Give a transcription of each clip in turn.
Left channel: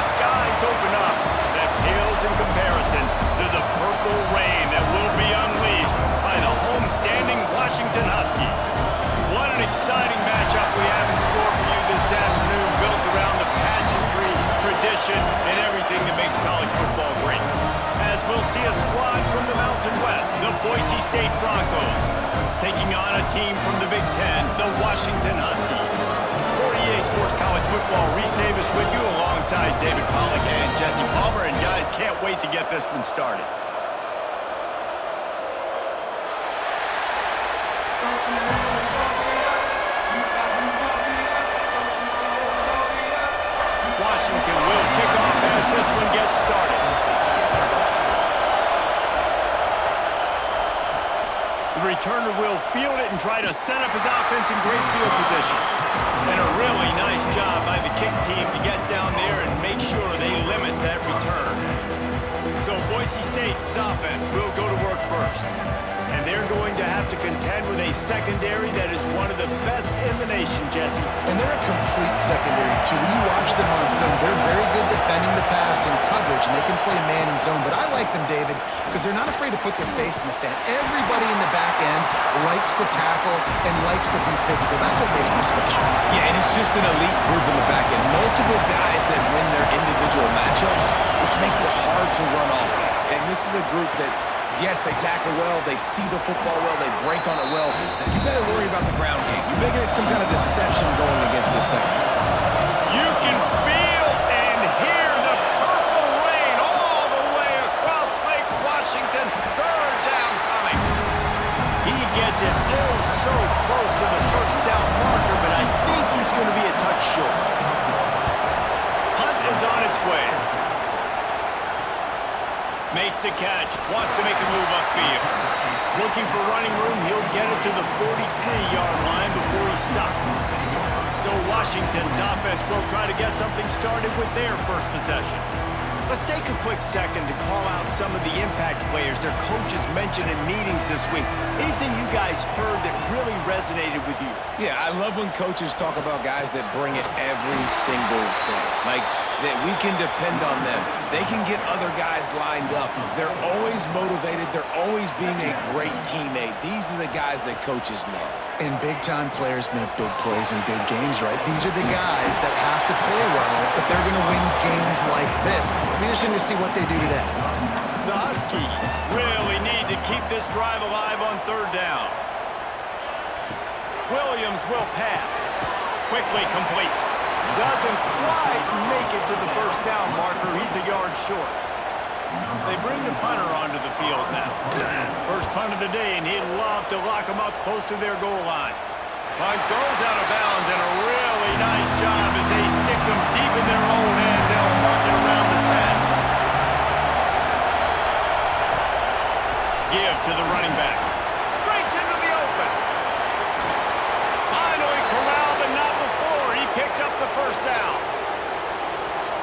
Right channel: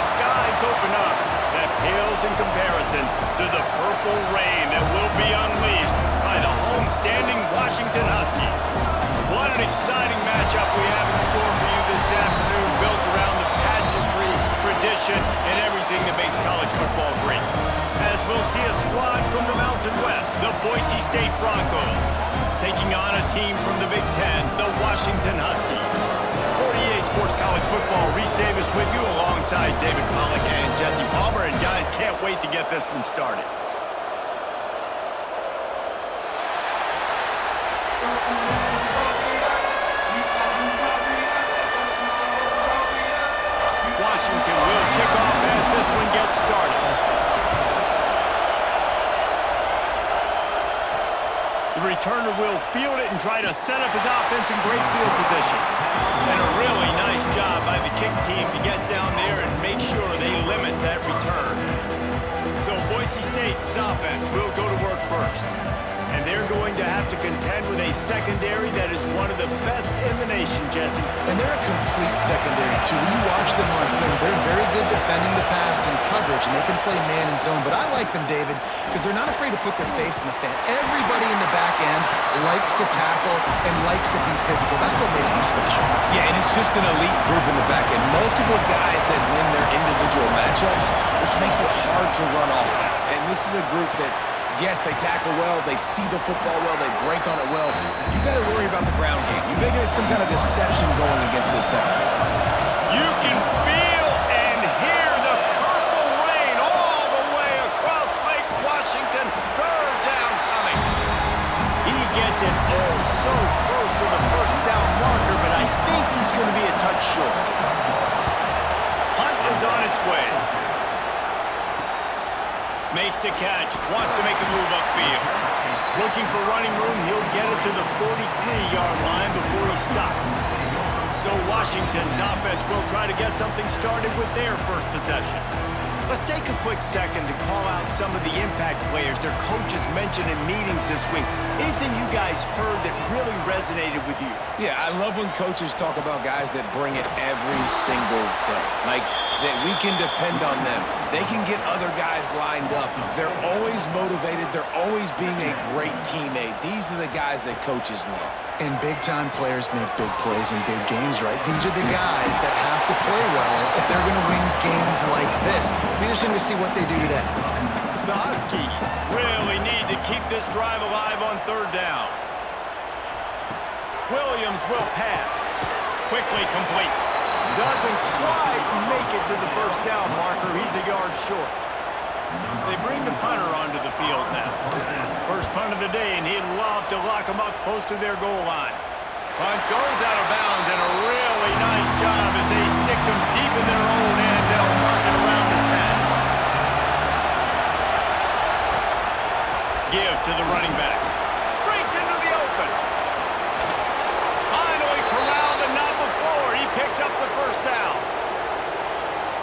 the skies open up. That pales in comparison to the purple rain that will be unleashed by the homestanding Washington Huskies. What an exciting matchup we have in store for you this afternoon, built around the pageantry, tradition, and everything that makes college football great. As we'll see a squad from the Mountain West, the Boise State Broncos, taking on a team from the Big Ten, the Washington Huskies. For EA Sports College Football, Reese Davis with you alongside David Pollack and Jesse Palmer. And guys, can't wait to get this one started. Washington will kick off as this one gets started. The returner will field it and try to set up his offense in great field position. And a really nice job by the kick team to get down there and make sure they limit that return. So Boise State's offense will go to work first. And they're going to have to contend with a secondary that is one of the best in the nation, Jesse. And they're a complete secondary, too. When you watch them on film, they're very good defending the pass and coverage, and they can play man and zone. But I like them, David, because they're not afraid to put their face in the fan. Everybody in the back end likes to tackle and likes to be physical. That's what makes them special. Yeah, and it's just an elite group in the back end. Multiple guys that win their individual matchups, which makes it hard to run offense. And this is a group that, yes, they tackle well, they see the football well, they break on it well. You better worry about the ground game. You better get some kind of deception going against this secondary. You can feel and hear the purple rain all the way across Lake Washington. Third down coming. He gets it oh so close to the first down marker, but I think he's going to be a touch short. Hunt is on its way. Makes the catch, wants to make a move upfield. Looking for running room, he'll get it to the 43-yard line before he stops. So Washington's offense will try to get something started with their first possession. Let's take a quick second to call out some of the impact players their coaches mentioned in meetings this week. Anything you guys heard that really resonated with you? Yeah, I love when coaches talk about guys that bring it every single day. Like, that we can depend on them. They can get other guys lined up. They're always motivated. They're always being a great teammate. These are the guys that coaches love. And big-time players make big plays in big games, right? These are the guys that have to play well if they're going to win games like this. Be interesting to see what they do today. The Huskies really need to keep this drive alive on third down. Williams will pass. Quickly complete. Doesn't quite make it to the first down marker. He's a yard short. They bring the punter onto the field now. First punt of the day, and he'd love to lock them up close to their goal line. Punt goes out of bounds, and a really nice job as they stick them deep in their own end. They'll mark it around the 10. Give to the running back. Breaks into the open. Finally corralled, but not before. He picks up the first down.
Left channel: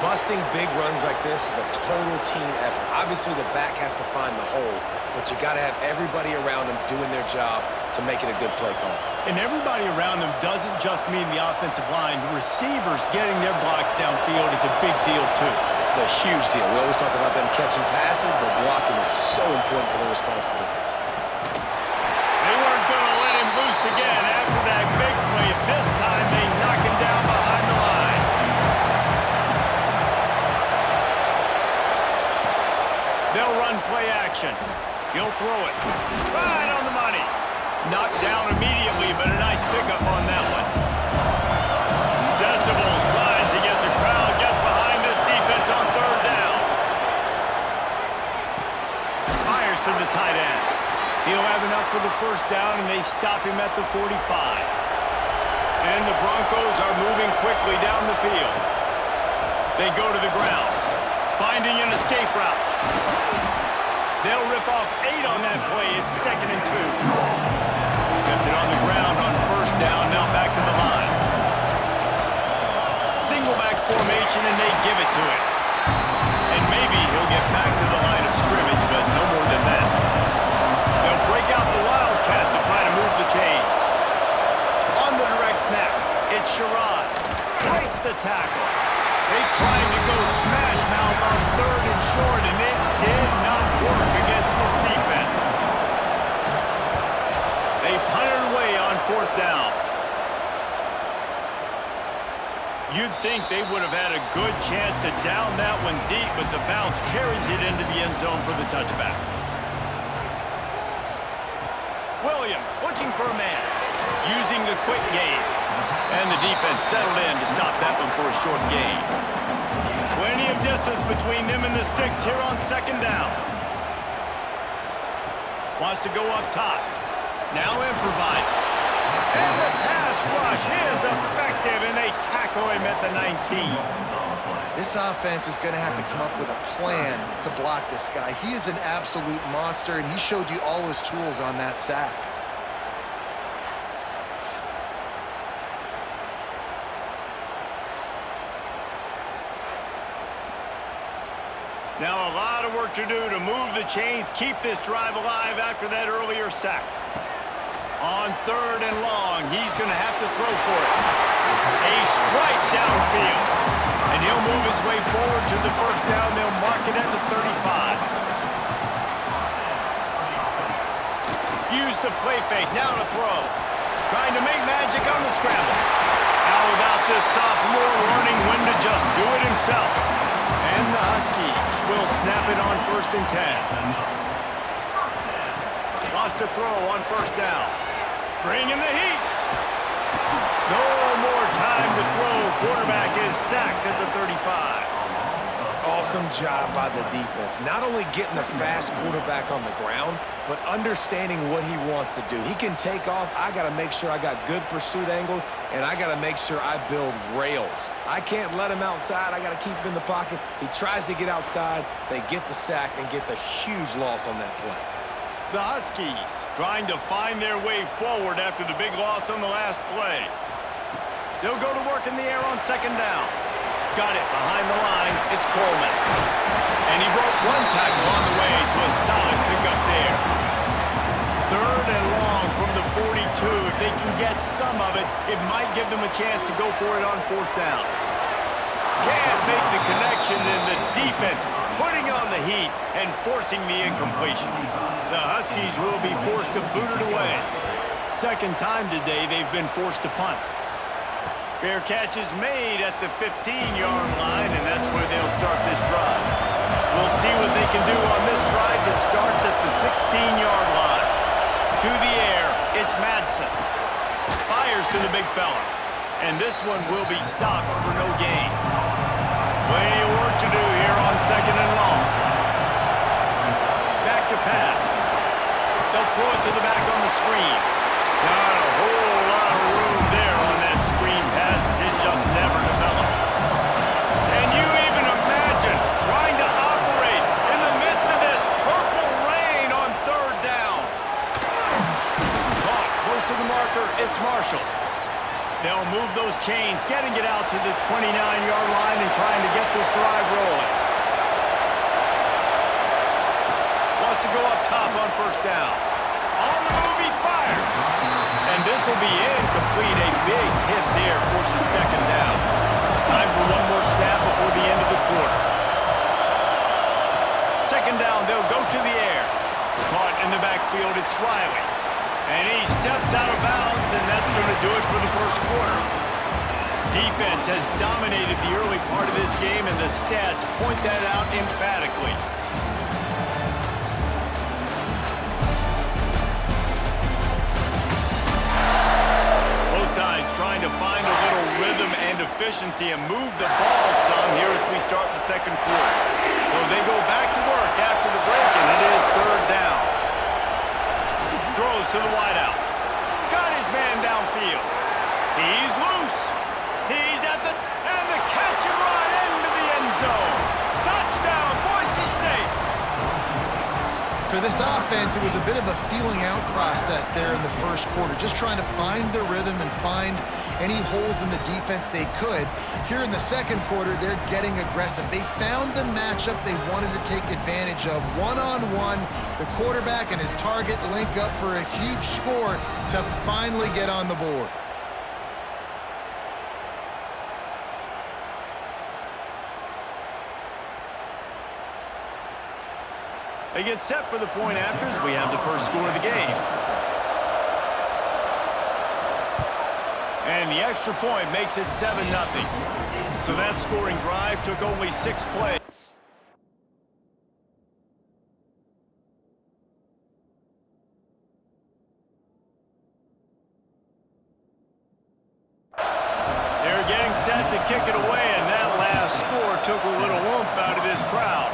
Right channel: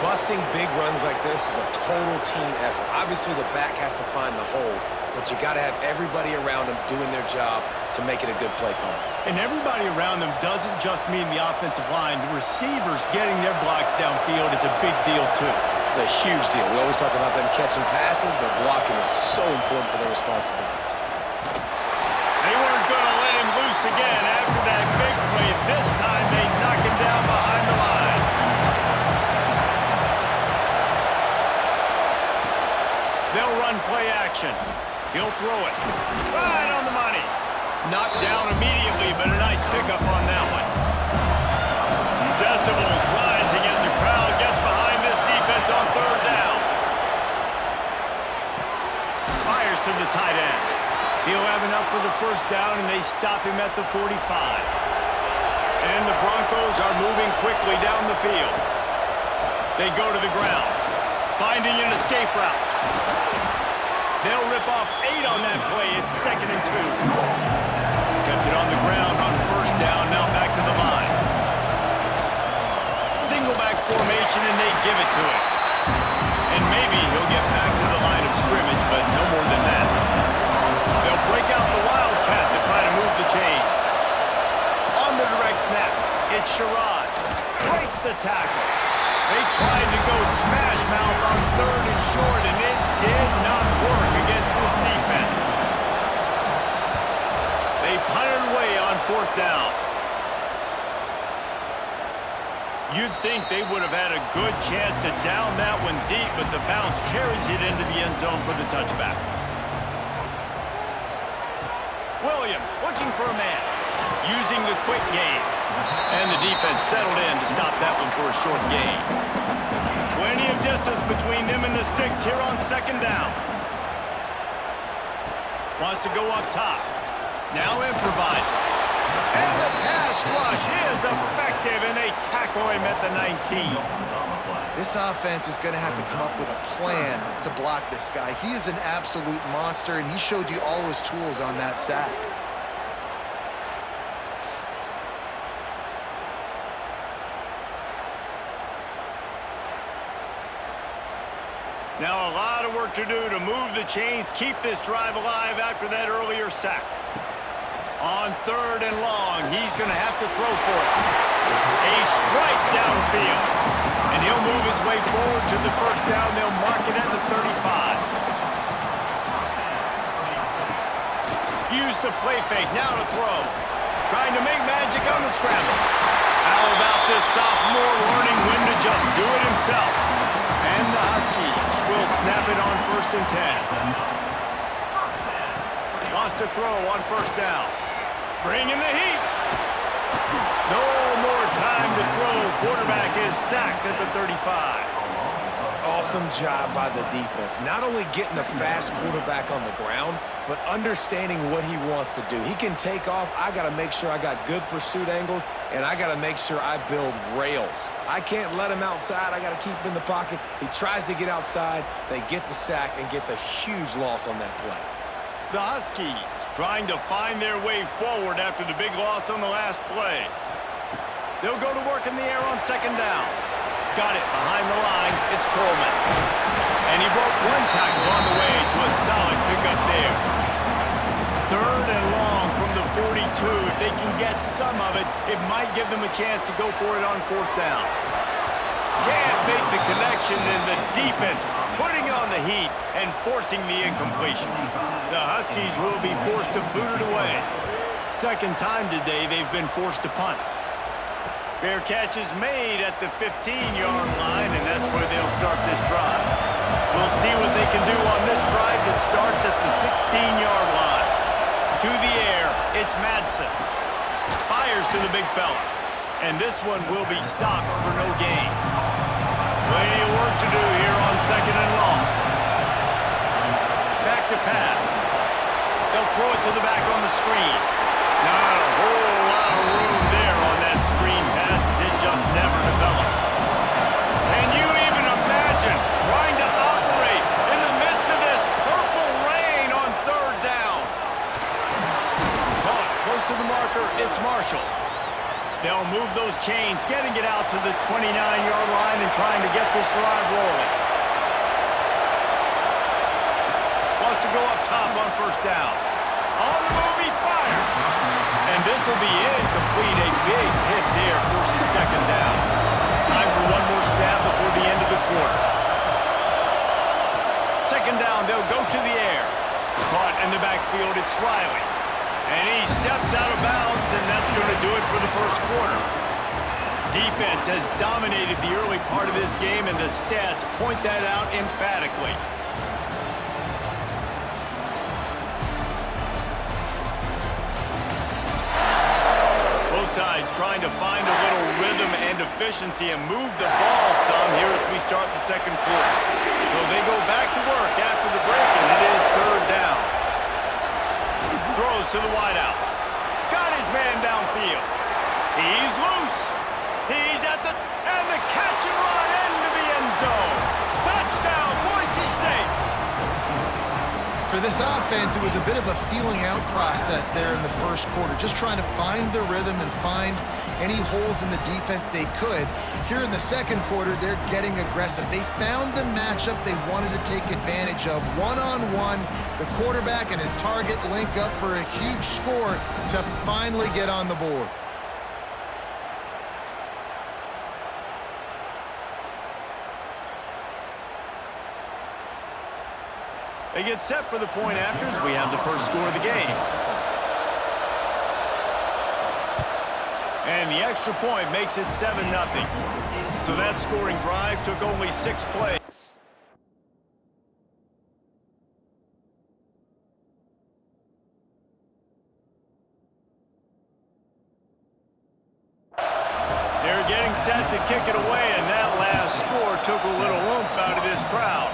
Busting big runs like this is a total team effort. Obviously, the back has to find the hole, but you got to have everybody around them doing their job to make it a good play call. And everybody around them doesn't just mean the offensive line. The receivers getting their blocks downfield is a big deal, too. It's a huge deal. We always talk about them catching passes, but blocking is so important for their responsibilities. They weren't going to let him loose again after that big play. This time, they knock him down behind the line. They'll run play action. He'll throw it. Right on the money. Knocked down immediately, but a nice pickup on that one. Decibels rising as the crowd gets behind this defense on third down. Fires to the tight end. He'll have enough for the first down, and they stop him at the 45. And the Broncos are moving quickly down the field. They go to the ground, finding an escape route. They'll rip off 8 on that play. It's 2nd and 2. Kept it on the ground on first down, now back to the line. Single back formation, and they give it to him. And maybe he'll get back to the line of scrimmage, but no more than that. They'll break out the Wildcat to try to move the chains. On the direct snap, it's Sherrod. Breaks the tackle. They tried to go smash mouth on 3rd and short, and it did not work against this defense. They punted away on 4th down. You'd think they would have had a good chance to down that one deep, but the bounce carries it into the end zone for the touchback. Williams looking for a man, using the quick game. And the defense settled in to stop that one for a short gain. Plenty of distance between them and the sticks here on 2nd down. Wants to go up top. Now improvising. And the pass rush is effective, and they tackle him at the 19. This offense is going to have to come up with a plan to block this guy. He is an absolute monster, and he showed you all his tools on that sack. Now a lot of work to do to move the chains, keep this drive alive after that earlier sack. On 3rd and long, he's going to have to throw for it. A strike downfield. And he'll move his way forward to the 1st down. They'll mark it at the 35. Use the play fake. Now to throw. Trying to make magic on the scramble. How about this sophomore learning when to just do it himself? And the Huskies will snap it on 1st and 10. Lost to throw on 1st down. Bringing the heat. No more time to throw. Quarterback is sacked at the 35. Awesome job by the defense. Not only getting the fast quarterback on the ground, but understanding what he wants to do. He can take off. I got to make sure I got good pursuit angles, and I got to make sure I build rails. I can't let him outside. I got to keep him in the pocket. He tries to get outside. They get the sack and get the huge loss on that play. The Huskies trying to find their way forward after the big loss on the last play. They'll go to work in the air on 2nd down. Got it behind the line. It's Coleman. And he broke one tackle on the way to a solid pickup there. 3rd and long from the 42. If they can get some of it, it might give them a chance to go for it on 4th down. Can't make the connection, and the defense putting on the heat and forcing the incompletion. The Huskies will be forced to boot it away. 2nd time today they've been forced to punt. Fair catch is made at the 15-yard line, and that's where they'll start this drive. We'll see what they can do on this drive that starts at the 16-yard line. To the air, it's Madsen. Fires to the big fella. And this one will be stopped for no gain. Plenty of work to do here on 2nd and long. Back to pass. They'll throw it to the back on the screen. Not a whole lot of room there on that screen pass, as it just never developed. Can you even imagine trying to operate in the midst of this purple rain on 3rd down? Caught close to the marker, it's Marshall. They'll move those chains, getting it out to the 29-yard line and trying to get this drive rolling. Wants to go up top on 1st down. On the move, he fires. And this will be incomplete. A big hit there forces 2nd down. Time for one more snap before the end of the quarter. 2nd down, they'll go to the air. Caught in the backfield, it's Riley. And he steps out of bounds, and that's going to do it for the 1st quarter. Defense has dominated the early part of this game, and the stats point that out emphatically. Both sides trying to find a little rhythm and efficiency and move the ball some here as we start the 2nd quarter. So they go back to work after the break, and it is 3rd down. Throws to the wideout. Got his man downfield. He's loose. He's at the... And the catch and run into the end zone. Touchdown, Boise State. For this offense, it was a bit of a feeling out process there in the 1st quarter, just trying to find the rhythm and find any holes in the defense they could. Here in the 2nd quarter, they're getting aggressive. They found the matchup they wanted to take advantage of. One-on-one, the quarterback and his target link up for a huge score to finally get on the board. They get set for the point after as we have the first score of the game. And the extra point makes it 7-0. So that scoring drive took only 6 plays. They're getting set to kick it away, and that last score took a little oomph out of this crowd.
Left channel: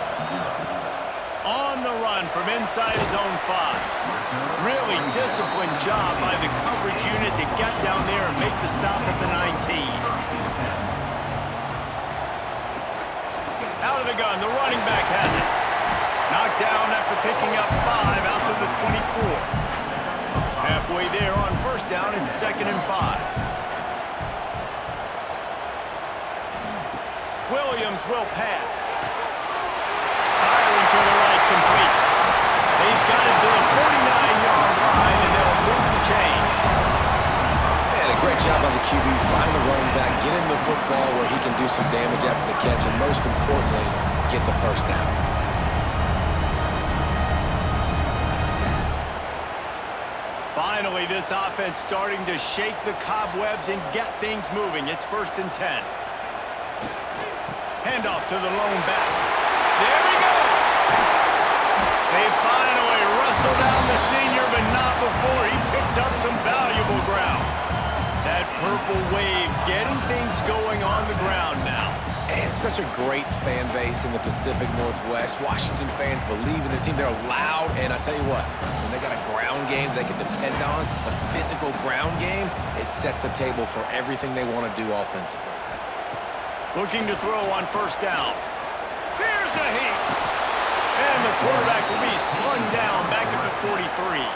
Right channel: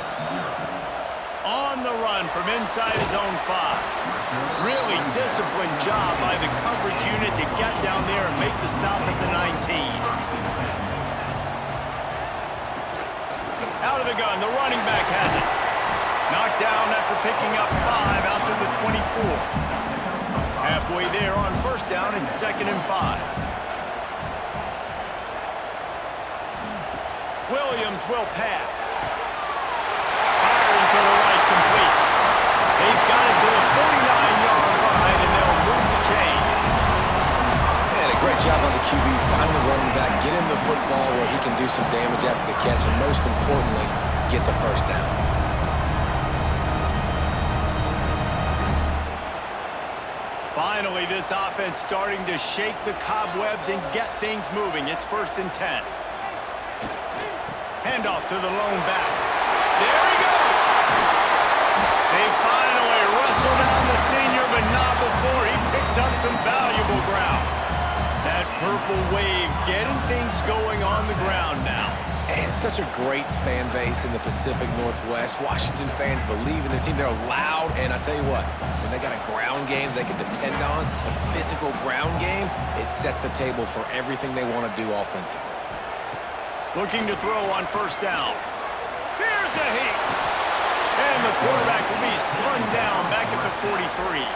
On the run from inside his own 5. Really disciplined job by the coverage unit to get down there and make the stop at the 19. Out of the gun, the running back has it. Knocked down after picking up 5 out to the 24. Halfway there on first down, it's 2nd and 5. Williams will pass. Firing to the right, complete. They've got it to the 49-yard line, and they'll move the chains. And a great job on the QB, find the running back, get him the football where he can do some damage after the catch, and most importantly, get the first down. Finally, this offense starting to shake the cobwebs and get things moving. It's 1st and 10. Handoff to the lone back. There he goes! They finally wrestle down the senior, but not before he picks up some valuable ground. That purple wave getting things going on the ground now. And such a great fan base in the Pacific Northwest. Washington fans believe in their team. They're loud, and I tell you what, when they got a ground game they can depend on, a physical ground game, it sets the table for everything they want to do offensively. Looking to throw on first down. Here's a heat. And the quarterback will be slung down back at the 43.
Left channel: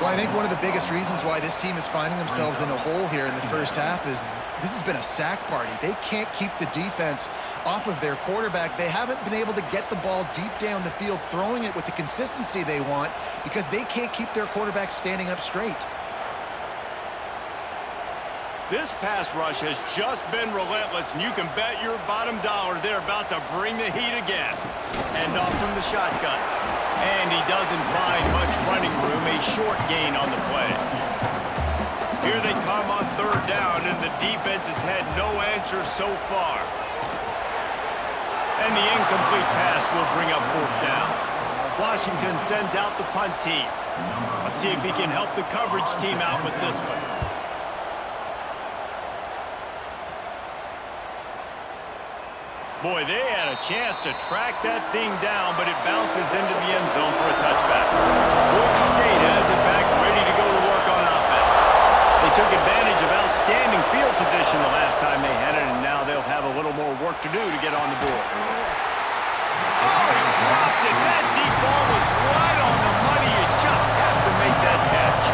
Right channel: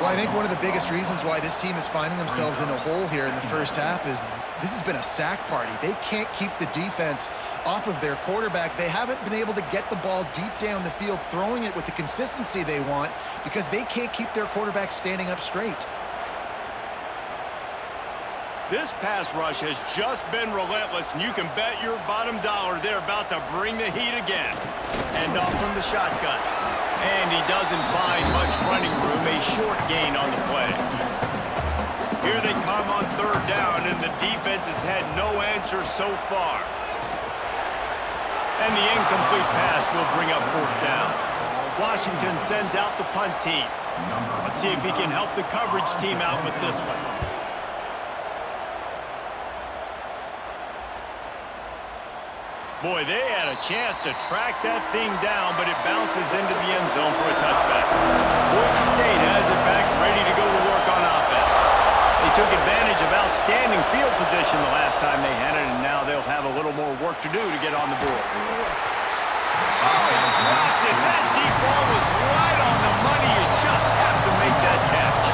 Well, I think one of the biggest reasons why this team is finding themselves in a hole here in the first half is this has been a sack party. They can't keep the defense off of their quarterback. They haven't been able to get the ball deep down the field, throwing it with the consistency they want because they can't keep their quarterback standing up straight. This pass rush has just been relentless, and you can bet your bottom dollar they're about to bring the heat again. Hand off from the shotgun. And he doesn't find much running room, a short gain on the play. Here they come on 3rd down, and the defense has had no answer so far. And the incomplete pass will bring up 4th down. Washington sends out the punt team. Let's see if he can help the coverage team out with this one. Boy, they had a chance to track that thing down, but it bounces into the end zone for a touchback. Boise State has it back, ready to go to work on offense. They took advantage of outstanding field position the last time they had it, and now they'll have a little more work to do to get on the board. Oh, he dropped it. That deep ball was right on the money. You just have to make that catch.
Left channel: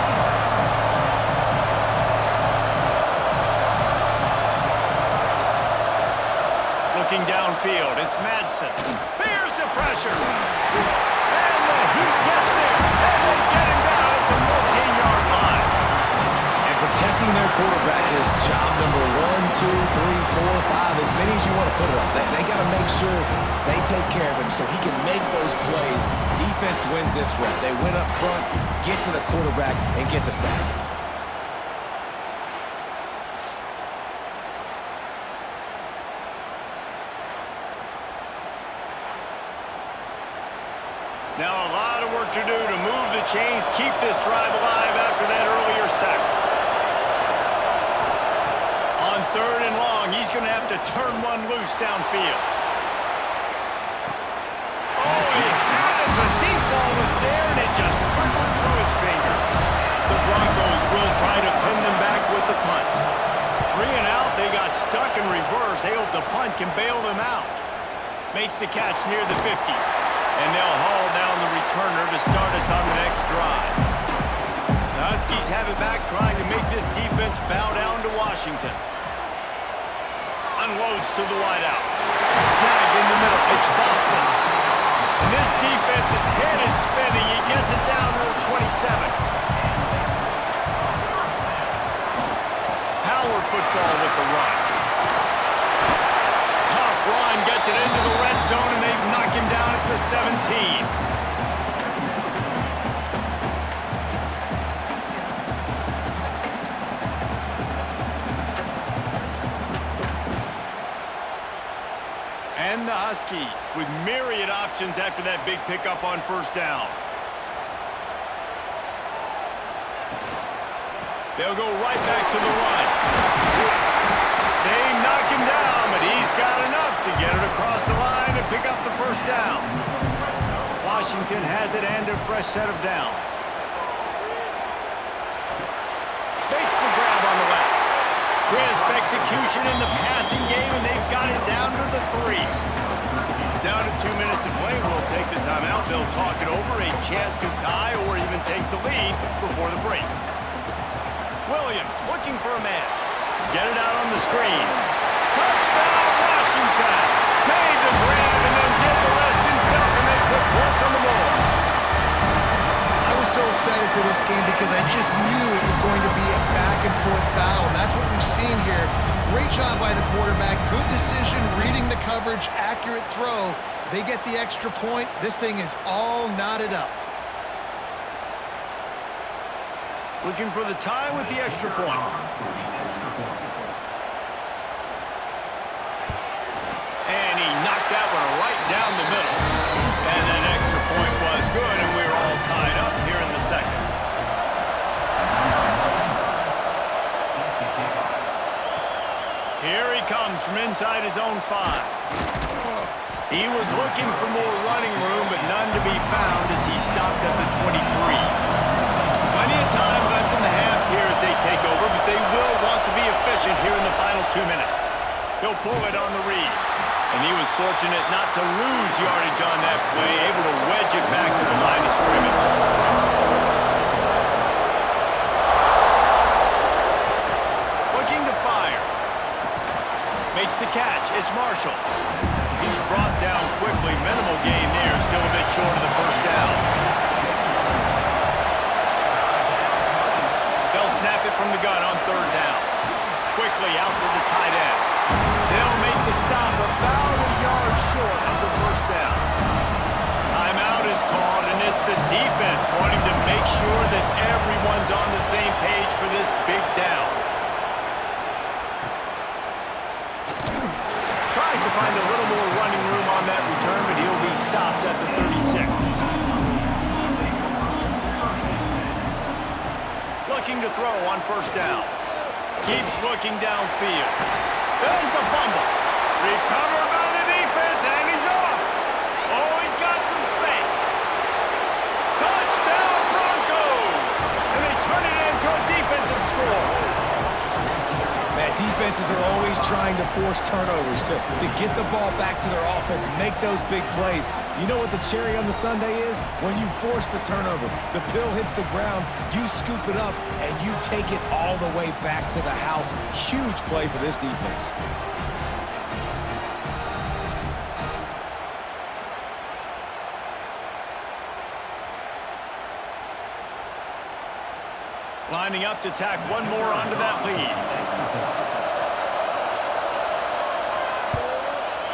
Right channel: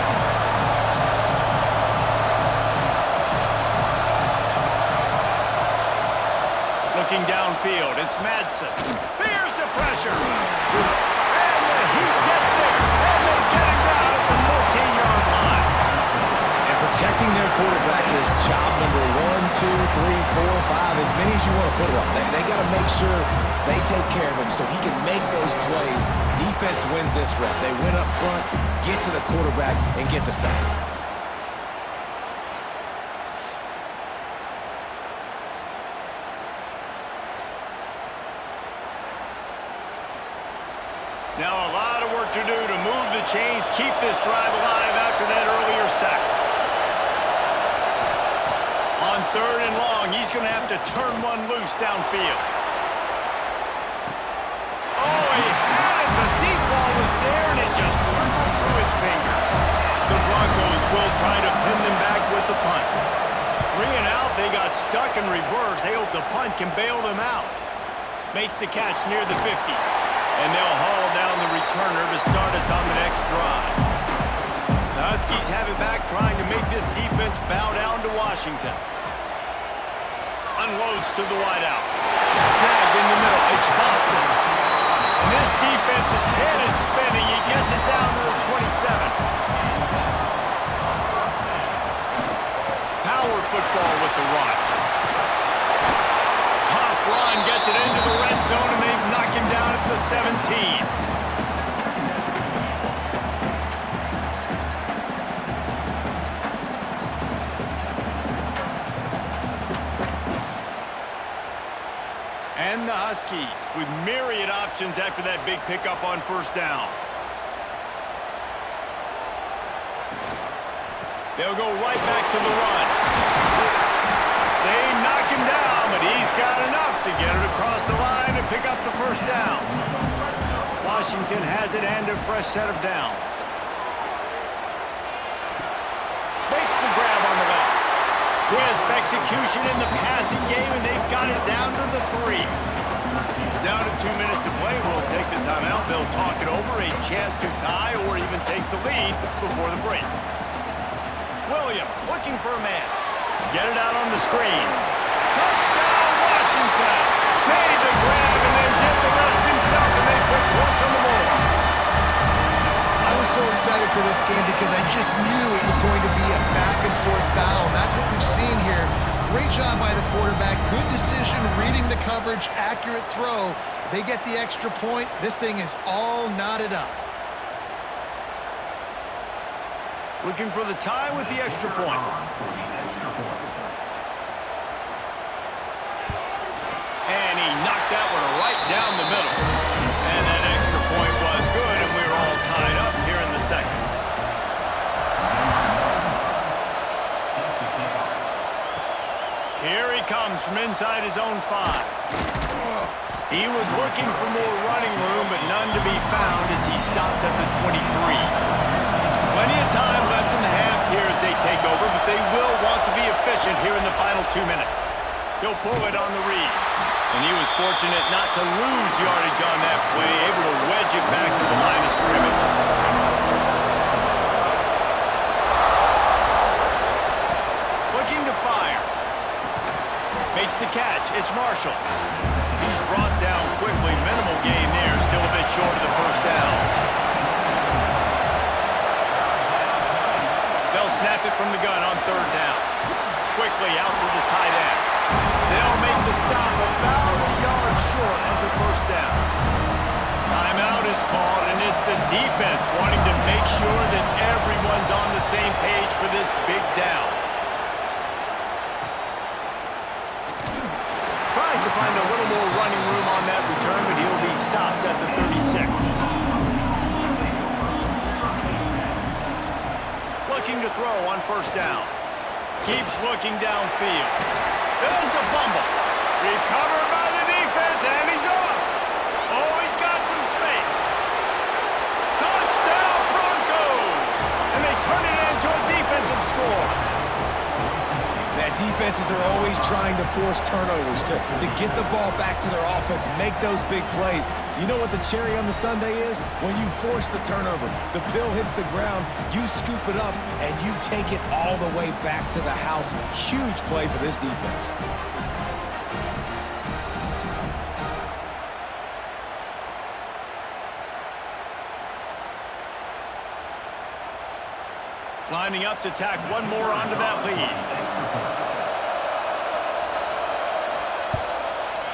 Looking downfield, it's Madsen. Here's the pressure. And the heat gets there. And they get him down at the 14-yard line. And protecting their quarterback is job number 1, 2, 3, 4, 5, as many as you want to put it on. They got to make sure they take care of him so he can make those plays. Defense wins this rep. They win up front, get to the quarterback, and get the sack. Now a lot of work to do to move the chains, keep this drive alive after that earlier sack. On 3rd and long, he's going to have to turn one loose downfield. Oh, he had it. The deep ball was there, and it just trickled through his fingers. The Broncos will try to pin them back with the punt. 3 and out, they got stuck in reverse. They hope the punt can bail them out. Makes the catch near the 50. And they'll haul down the returner to start us on the next drive. The Huskies have it back, trying to make this defense bow down to Washington. Unloads to the wideout. Snagged in the middle. It's Boston. And this defense's head is spinning. He gets it down to the 27. Power football with the run. Tough run, gets it into the red zone, and they've knocked him down at the 17. And the Huskies with myriad options after that big pickup on first down. They'll go right back to the run. They knock him down, but he's got enough to get it across the line and pick up the first down. Washington has it and a fresh set of downs. Makes the grab on the left. Crisp execution in the passing game, and they've got it down to the 3. Down to 2 minutes to play. We'll take the timeout. They'll talk it over. A chance to tie or even take the lead before the break. Williams looking for a man. Get it out on the screen. Touchdown, Washington. Made the grab and then did the rest himself, and they put points on the board. I was so excited for this game because I just knew it was going to be a back-and-forth battle, and that's what we've seen here. Great job by the quarterback. Good decision, reading the coverage, accurate throw. They get the extra point. This thing is all knotted up. Looking for the tie with the extra point. And he knocked that one right down the middle. And that extra point was good, and we're all tied up here in the second. Here he comes from inside his own 5. He was looking for more running room, but none to be found as he stopped at the 23. Plenty of time left in the half here as they take over, but they will want to be efficient here in the final 2 minutes. He'll pull it on the read. And he was fortunate not to lose yardage on that play, able to wedge it back to the line of scrimmage. Looking to fire. Makes the catch. It's Marshall. He's brought down quickly. Minimal gain there. Still a bit short of the first down. They'll snap it from the gun on third down. Quickly out to the tight end. They'll make the stop about a yard short of the first down. Timeout is called, and it's the defense wanting to make sure that everyone's on the same page for this big down. Tries to find a little more running room on that return, but he'll be stopped at the 36. Looking to throw on first down. Keeps looking downfield. It's a fumble. Recovered by the defense, and he's off. Oh, he's got some space. Touchdown, Broncos! And they turn it into a defensive score. That defenses are always trying to force turnovers to get the ball back to their offense, make those big plays. You know what the cherry on the sundae is? When you force the turnover, the pill hits the ground, you scoop it up, and you take it all the way back to the house. Huge play for this defense. Lining up to tack one more onto that lead.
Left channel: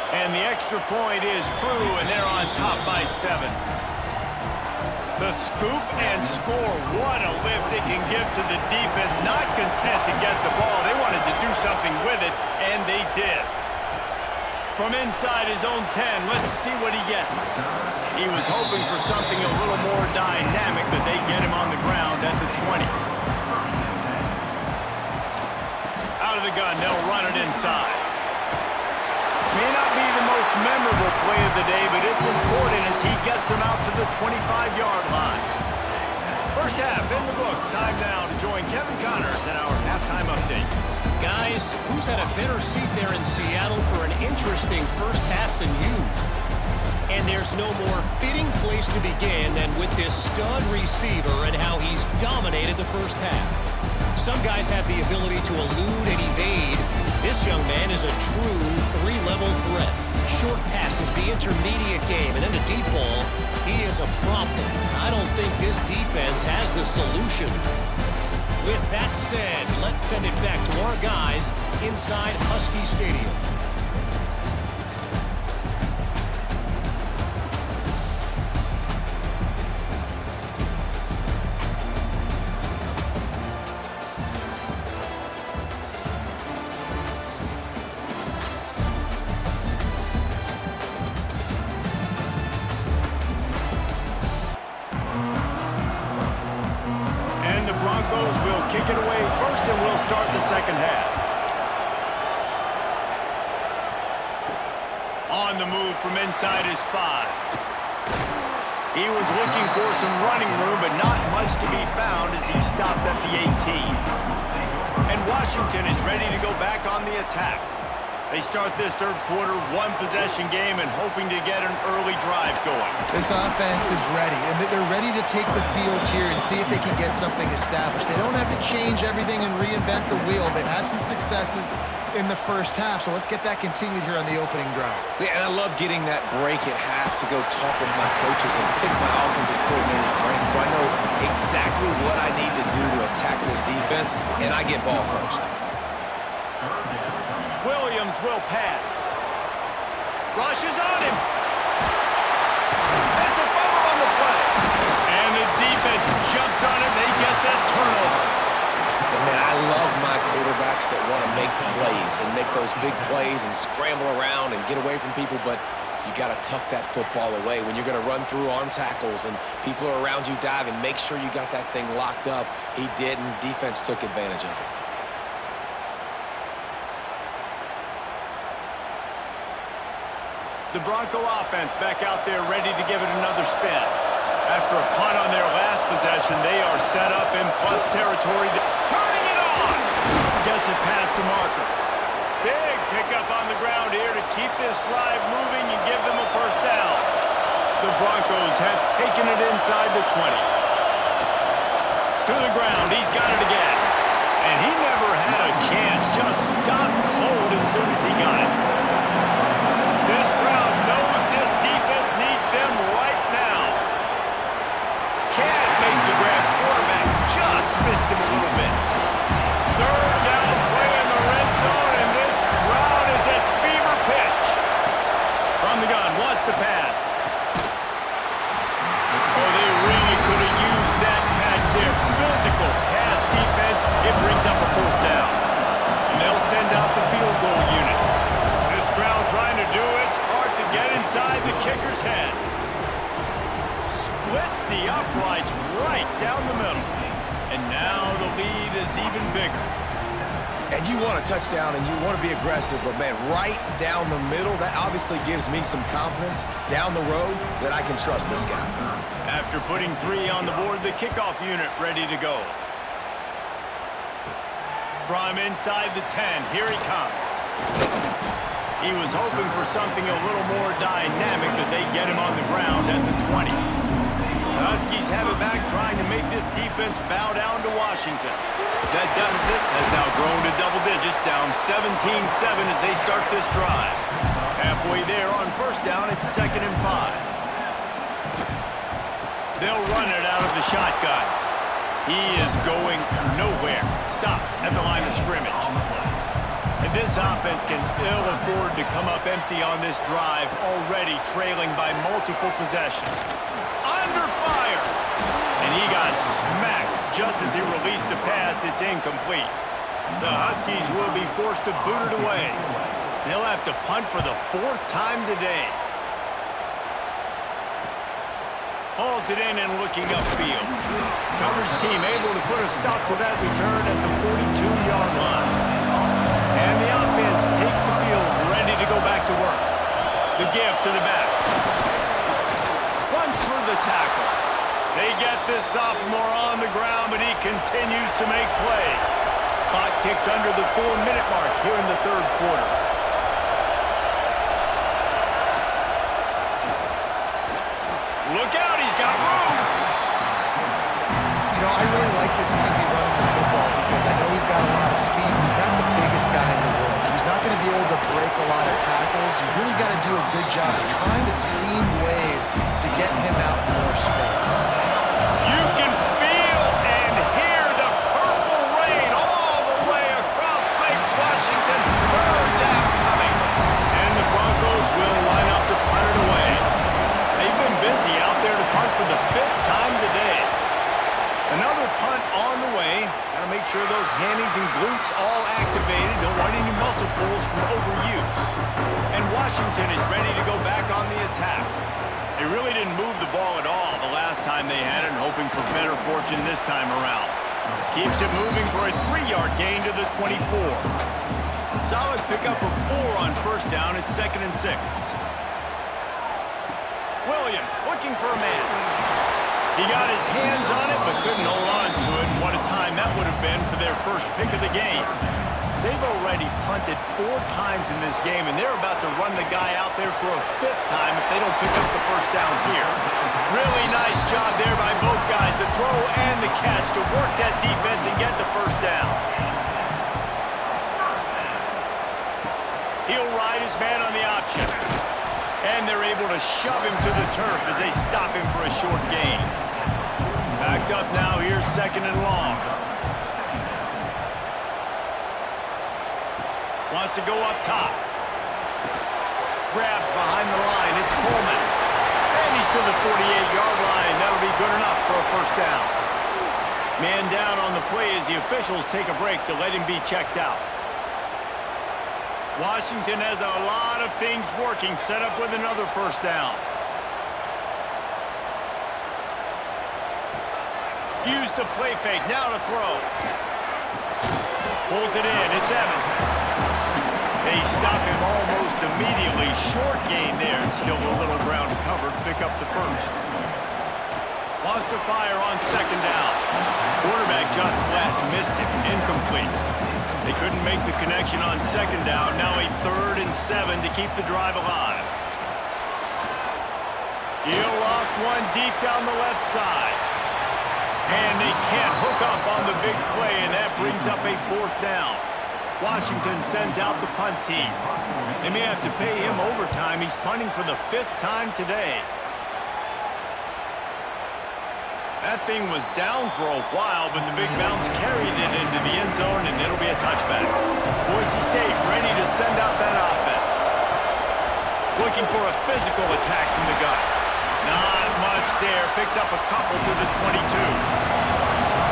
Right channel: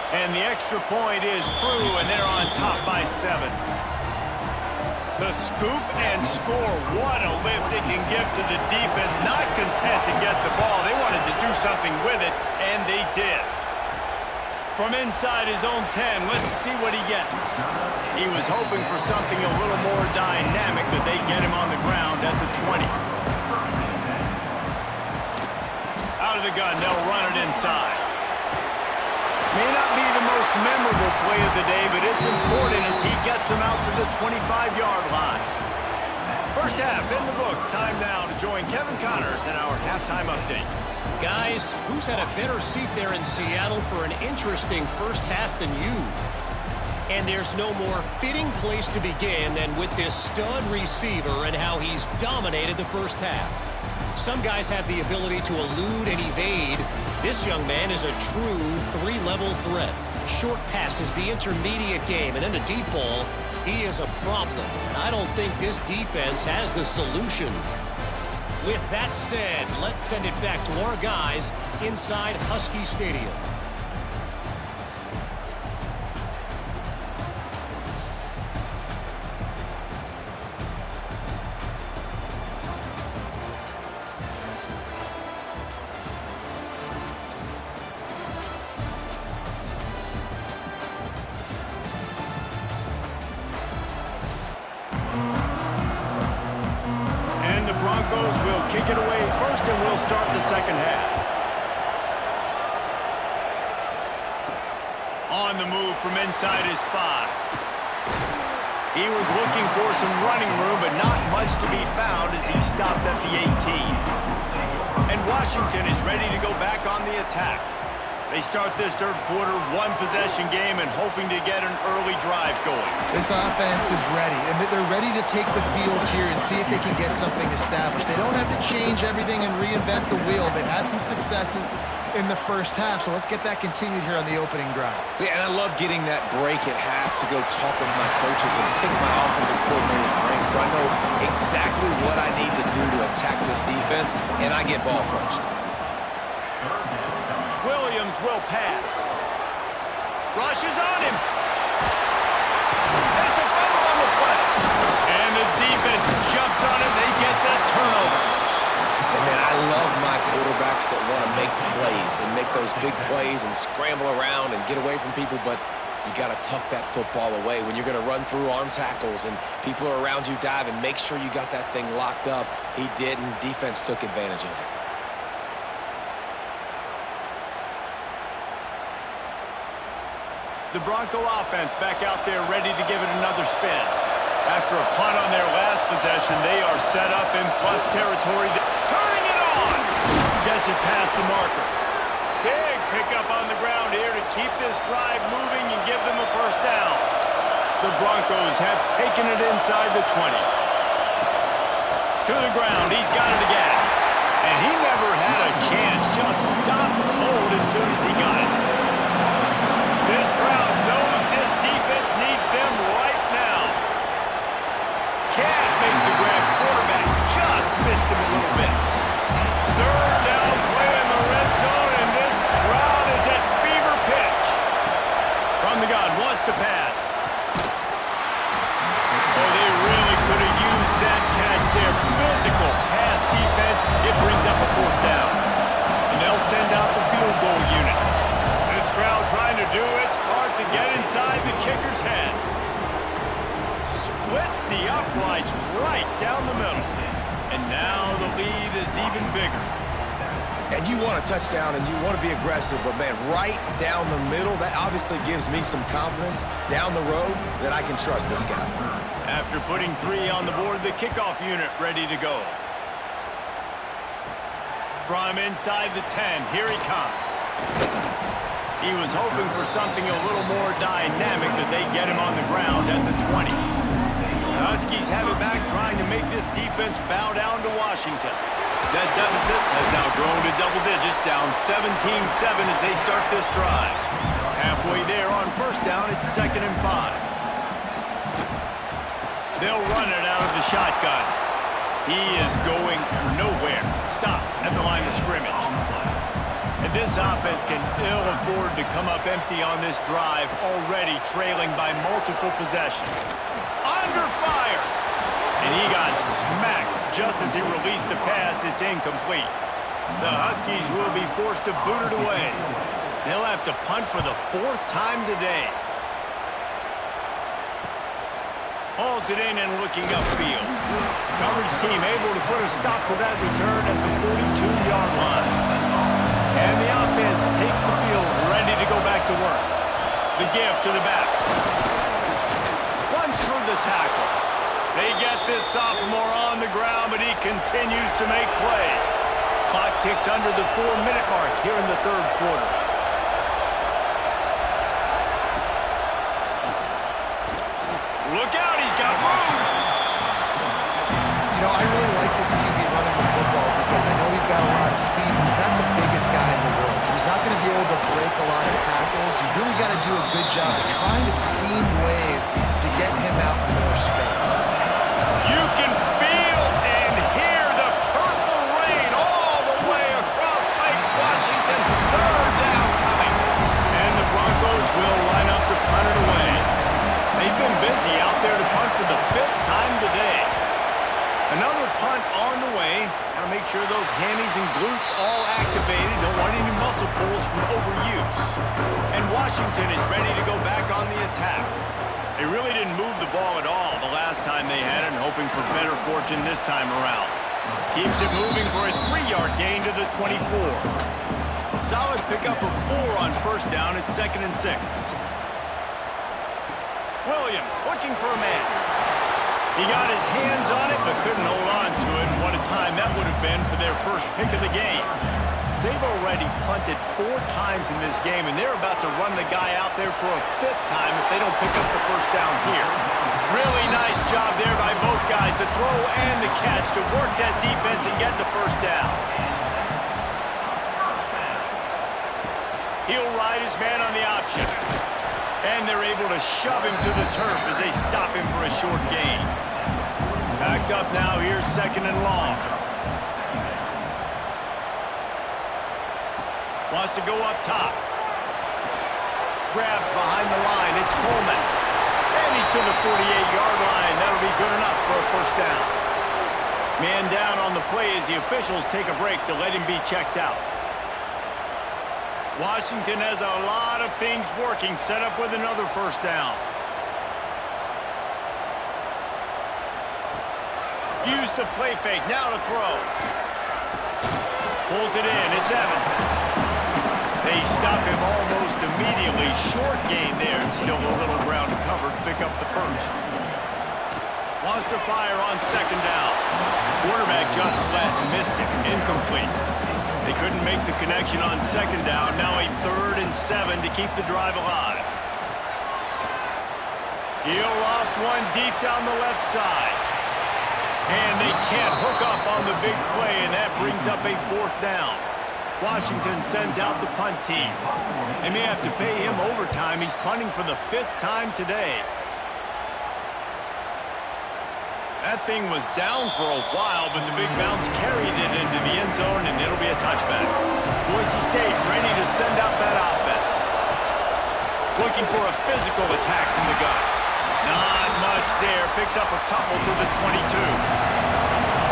And the extra point is true, and they're on top by 7. The scoop and score. What a lift it can give to the defense. Not content to get the ball. They wanted to do something with it, and they did. From inside his own 10, let's see what he gets. He was hoping for something a little more dynamic, but they get him on the ground at the 20. Out of the gun, they'll run it inside. May not be the most memorable play of the day, but it's important as he gets them out to the 25-yard line. First half in the books. Time now to join Kevin Connors in our halftime update. Guys, who's had a better seat there in Seattle for an interesting first half than you? And there's no more fitting place to begin than with this stud receiver and how he's dominated the first half. Some guys have the ability to elude and evade. This young man is a true three-level threat. Short passes, the intermediate game, and then the deep ball, he is a problem. I don't think this defense has the solution. With that said, let's send it back to our guys inside Husky Stadium. Broncos will kick it away first, and we'll start the second half. On the move from inside his 5. He was looking for some running room, but not much to be found as he stopped at the 18. And Washington is ready to go back on the attack. They start this third quarter one-possession game and hoping to get an early drive going. This offense is ready, and they're ready to take the field here and see if they can get something established. They don't have to change everything and reinvent the wheel. They've had some successes in the first half, so let's get that continued here on the opening drive. Yeah, and I love getting that break at half to go talk with my coaches and pick my offensive coordinator's brain so I know exactly what I need to do to attack this defense, and I get ball first. Williams will pass. Rushes on him. It's a fumble on the play. And the defense jumps on him. They get that turnover. And, man, I love my quarterbacks that want to make plays and make those big plays and scramble around and get away from people, but you got to tuck that football away. When you're going to run through arm tackles and people are around you diving, make sure you got that thing locked up. He did, and defense took advantage of it. The Bronco offense back out there ready to give it another spin. After a punt on their last possession, they are set up in plus territory. Turning it on! Gets it past the marker. Big pickup on the ground here to keep this drive moving and give them a first down. The Broncos have taken it inside the 20. To the ground, he's got it again. And he never had a chance, just stopped cold as soon as he got it. This crowd knows this defense needs them right now. Can't make the grab. Quarterback just missed him a little bit. Third down play in the red zone, and this crowd is at fever pitch. From the gun, wants to pass. Oh, they really could have used that catch there. Physical pass defense. It brings up a fourth down. And they'll send out the field goal unit. This crowd trying to do its part to get inside the kicker's head. Splits the uprights right down the middle. And now the lead is even bigger. And you want a touchdown and you want to be aggressive, but, man, right down the middle, that obviously gives me some confidence down the road that I can trust this guy. After putting 3 on the board, the kickoff unit ready to go. From inside the 10, here he comes. He was hoping for something a little more dynamic, but they get him on the ground at the 20. The Huskies have it back, trying to make this defense bow down to Washington. That deficit has now grown to double digits, down 17-7 as they start this drive. Halfway there on first down, it's 2nd and 5. They'll run it out of the shotgun. He is going nowhere. Stop at the line of scrimmage. And this offense can ill afford to come up empty on this drive, already trailing by multiple possessions. Under fire! And he got smacked just as he released the pass. It's incomplete. The Huskies will be forced to boot it away. They'll have to punt for the 4th time today. Hauls it in and looking upfield. Coverage team able to put a stop to that return at the 42-yard line. And the offense takes the field, ready to go back to work. The give to the back. Runs through the tackle. They get this sophomore on the ground, but he continues to make plays. Clock ticks under the 4-minute mark here in the third quarter. Look out, he's got room. You know, I really like this QB running the football because I know he's got a lot of speed, but he's not the biggest guy in the world. So he's not going to be able to break a lot of tackles. You really got to do a good job of trying to scheme ways to get him out in more space. You can feel and hear the purple rain all the way across Lake Washington. Third down coming. And the Broncos will line up to punt it away. They've been busy out there to punt for the 5th time today. Another punt on the way. Got to make sure those hammies and glutes all activated. Don't want any muscle pulls from overuse. And Washington is ready to go back on the attack. They really didn't move the ball at all the last time they had it, and hoping for better fortune this time around. Keeps it moving for a 3-yard gain to the 24. Solid pickup of 4 on first down. It's 2nd and 6. Williams looking for a man. He got his hands on it but couldn't hold on to it. And what a time that would have been for their first pick of the game. They've already punted 4 times in this game, and they're about to run the guy out there for a 5th time if they don't pick up the first down here. Really nice job there by both guys, the throw and the catch, to work that defense and get the first down. He'll ride his man on the option. And they're able to shove him to the turf as they stop him for a short gain. Backed up now, here's 2nd and long. Wants to go up top. Grabbed behind the line. It's Coleman. And he's to the 48-yard line. That'll be good enough for a first down. Man down on the play as the officials take a break to let him be checked out. Washington has a lot of things working. Set up with another first down. Use the play fake. Now to throw. Pulls it in. It's Evans. They stop him almost immediately. Short gain there, and still a little ground to cover to pick up the first. Wants to fire on 2nd down. Quarterback just flat missed him. Incomplete. They couldn't make the connection on 2nd down. Now a 3rd and 7 to keep the drive alive. He'll loft one deep down the left side. And they can't hook up on the big play, and that brings up a 4th down. Washington sends out the punt team. They may have to pay him overtime. He's punting for the 5th time today. That thing was down for a while, but the big bounce carried it into the end zone, and it'll be a touchback. Boise State ready to send out that offense. Looking for a physical attack from the gun. Not much there. Picks up a couple to the 22.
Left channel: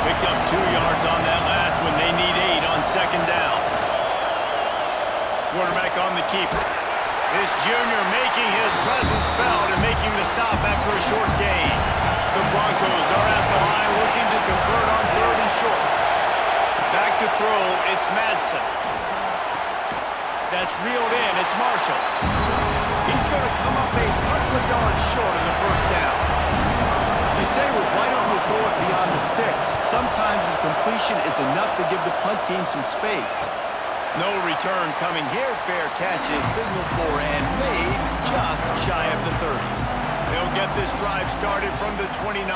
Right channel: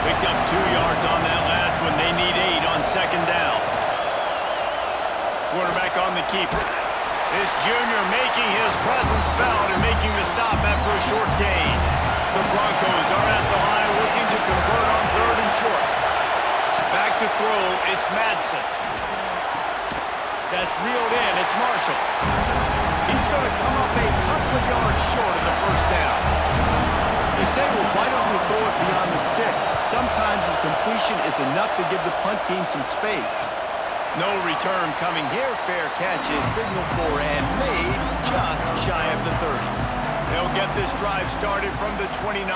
Picked up 2 yards on that last one. They need 8 on 2nd down. Quarterback on the keeper. This junior making his presence felt and making the stop after a short gain. The Broncos are at the line looking to convert on 3rd and short. Back to throw, it's Madsen. That's reeled in, it's Marshall. He's going to come up a couple of yards short of the first down. You say, well, why don't you throw it beyond the sticks? Sometimes a completion is enough to give the punt team some space. No return coming here. Fair catch is signaled for and made just shy of the 30. They'll get this drive started from the 29.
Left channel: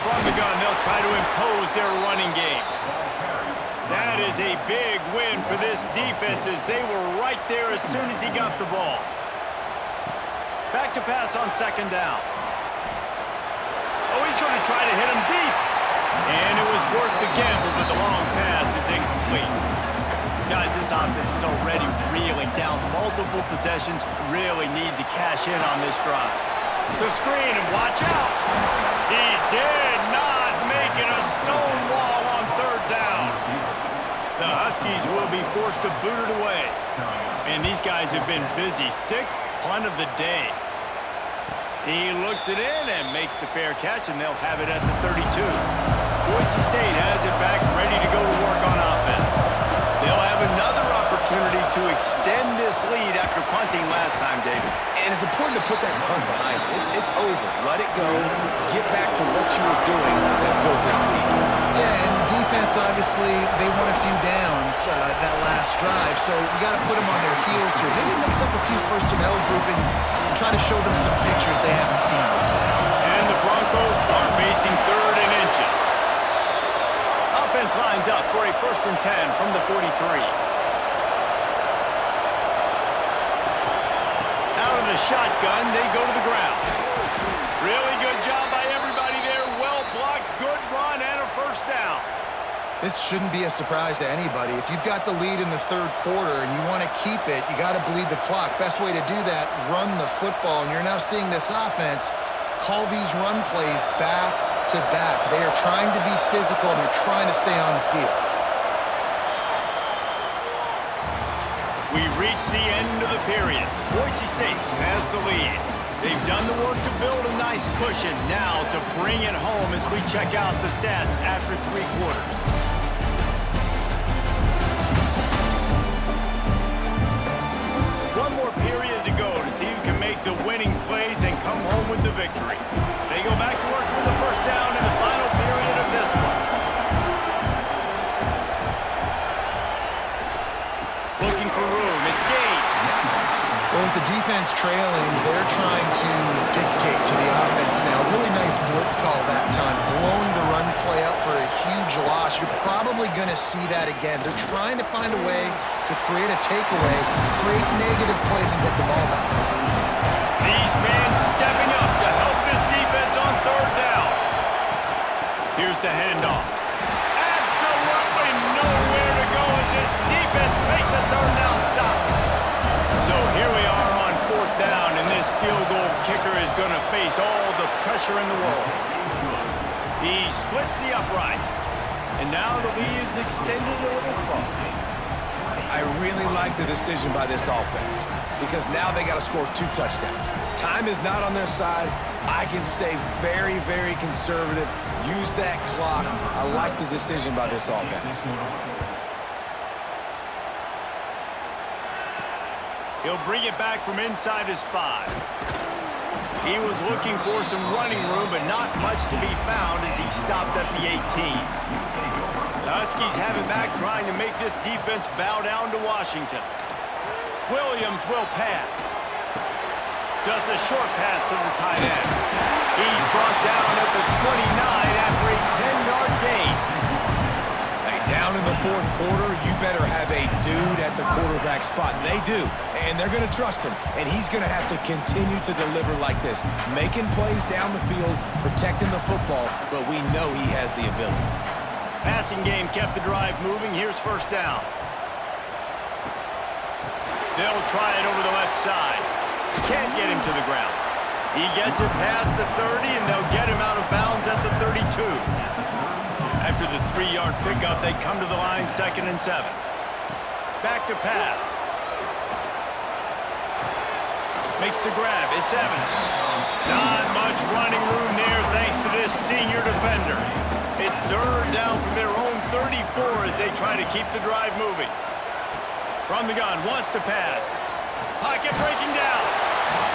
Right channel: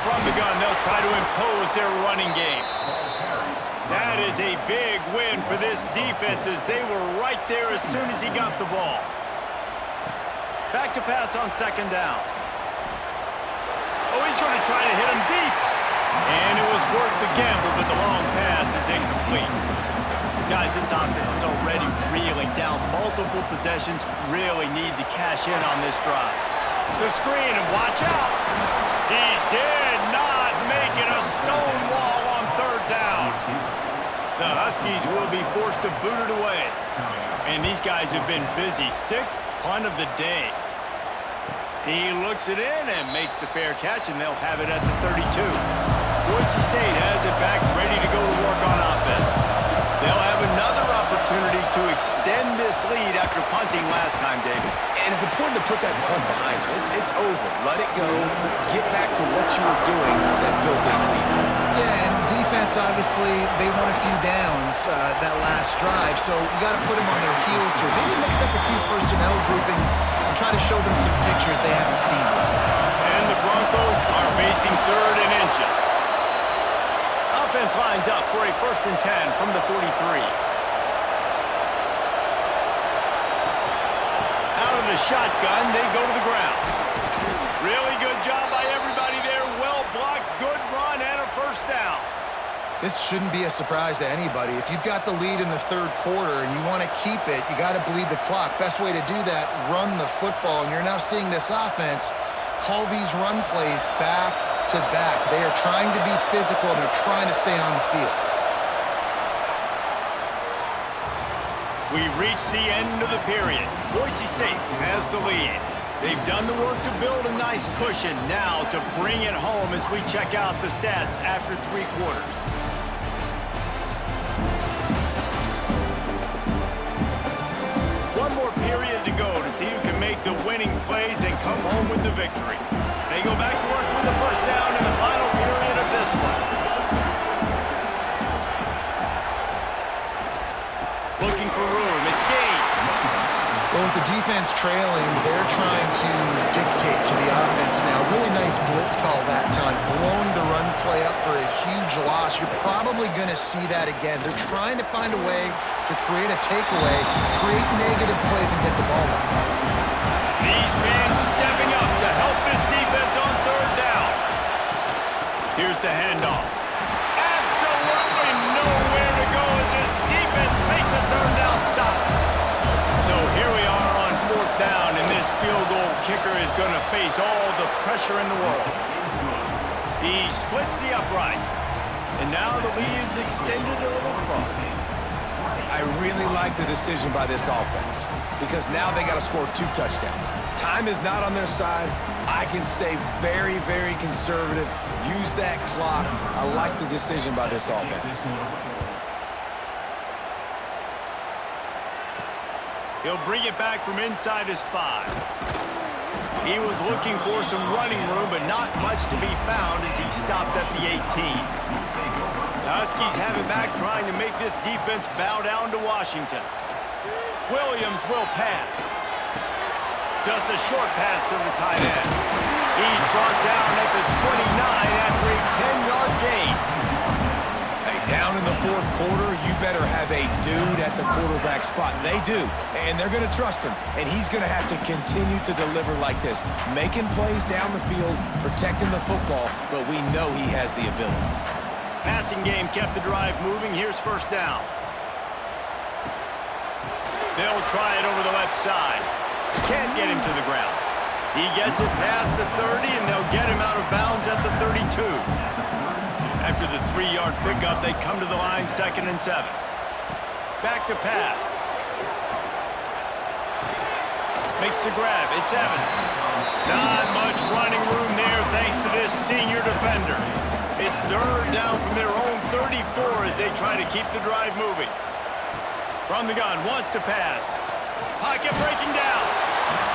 From the gun, they'll try to impose their running game. That is a big win for this defense as they were right there as soon as he got the ball. Back to pass on 2nd down. Oh, he's going to try to hit him deep. And it was worth the gamble, but the long pass is incomplete. Guys, this offense is already reeling down multiple possessions. Really need to cash in on this drive. The screen, and watch out. He did not make it a stone wall on 3rd down. The Huskies will be forced to boot it away. And these guys have been busy. 6th punt of the day. He looks it in and makes the fair catch, and they'll have it at the 32. Boise State has it back, ready to go to work on offense. They'll have another opportunity to extend this lead after punting last time, David. And it's important to put that punt behind you. It's over. Let it go. Get back to what you were doing that built this lead. Yeah, and defense, obviously, they won a few downs that last drive, so we got to put them on their heels here. Maybe mix up a few personnel groupings and try to show them some pictures they haven't seen yet. And the Broncos are facing 3rd and inches. Offense lines up for a 1st and 10 from the 43. Out of the shotgun, they go to the ground. Really good job by everybody there. Well blocked, good run, and a first down. This shouldn't be a surprise to anybody. If you've got the lead in the 3rd quarter and you want to keep it, you got to bleed the clock. Best way to do that, run the football. And you're now seeing this offense call these run plays back to back. They are trying to be physical, and they're trying to stay on the field. We've reached the end of the period. Boise State has the lead. They've done the work to build a nice cushion. Now to bring it home as we check out the stats after 3 quarters. One more period to go to see who can make the winning plays and come home with the victory. They go back to work with the first down in the final period of this one. Looking for room. It's Gaines. Well, with the defense trailing, they're trying to dictate to the offense now. Really nice blitz call that time, blowing the run play up for a huge loss. You're probably going to see that again. They're trying to find a way to create a takeaway, create negative plays, and get the ball back. These fans stepping up to help this defense on 3rd down. Here's the handoff. Absolutely nowhere to go as this defense makes a 3rd down stop. So here we are on 4th down, and this field goal kicker is going to face all the pressure in the world. He splits the uprights, and now the lead is extended a little further. I really like the decision by this offense because now they got to score 2 touchdowns. Time is not on their side. I can stay very, very conservative, use that clock. I like the decision by this offense. He'll bring it back from inside his 5. He was looking for some running room, but not much to be found as he stopped at the 18. The Huskies have it back, trying to make this defense bow down to Washington. Williams will pass. Just a short pass to the tight end. He's brought down at the 29 after a 10-yard gain. Hey, down in the 4th quarter, you better have a dude at the quarterback spot. They do, and they're going to trust him, and he's going to have to continue to deliver like this, making plays down the field, protecting the football, but we know he has the ability. Passing game kept the drive moving. Here's 1st down. They'll try it over the left side. Can't get him to the ground. He gets it past the 30, and they'll get him out of bounds at the 32. After the 3-yard pickup, they come to the line, 2nd and 7. Back to pass. Makes the grab. It's Evans. Not much running room there thanks to this senior defender. It's 3rd down from their own 34 as they try to keep the drive moving. From the gun, wants to pass. Pocket breaking down.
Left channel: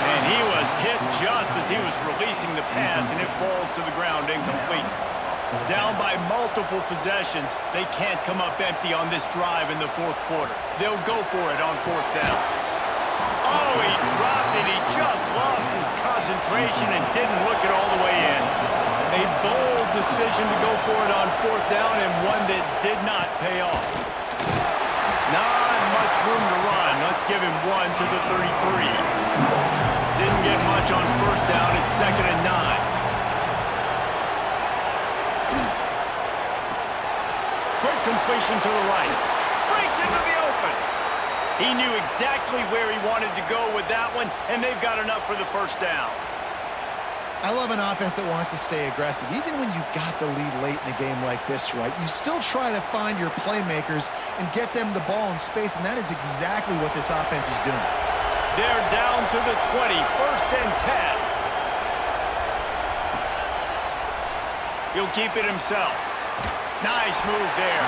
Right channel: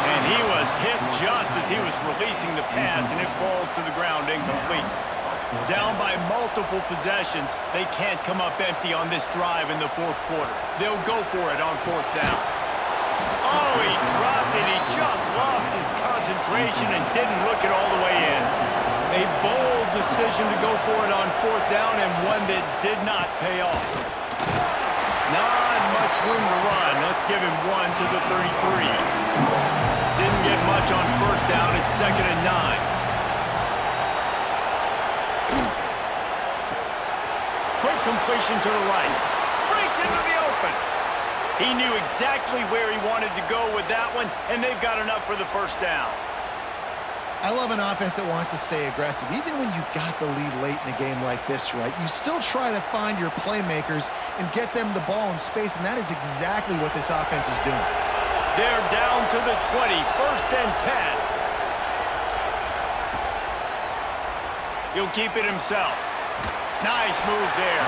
And he was hit just as he was releasing the pass, and it falls to the ground incomplete. Down by multiple possessions, they can't come up empty on this drive in the 4th quarter. They'll go for it on 4th down. Oh, he dropped it. He just lost his concentration and didn't look it all the way in. A bold decision to go for it on 4th down, and one that did not pay off. Not much room to run. Let's give him 1 to the 33. Didn't get much on 1st down. It's 2nd and 9. Quick completion to the right. Breaks into the open. He knew exactly where he wanted to go with that one, and they've got enough for the 1st down. I love an offense that wants to stay aggressive. Even when you've got the lead late in a game like this, right, you still try to find your playmakers and get them the ball in space, and that is exactly what this offense is doing. They're down to the 20, 1st and 10. He'll keep it himself. Nice move there.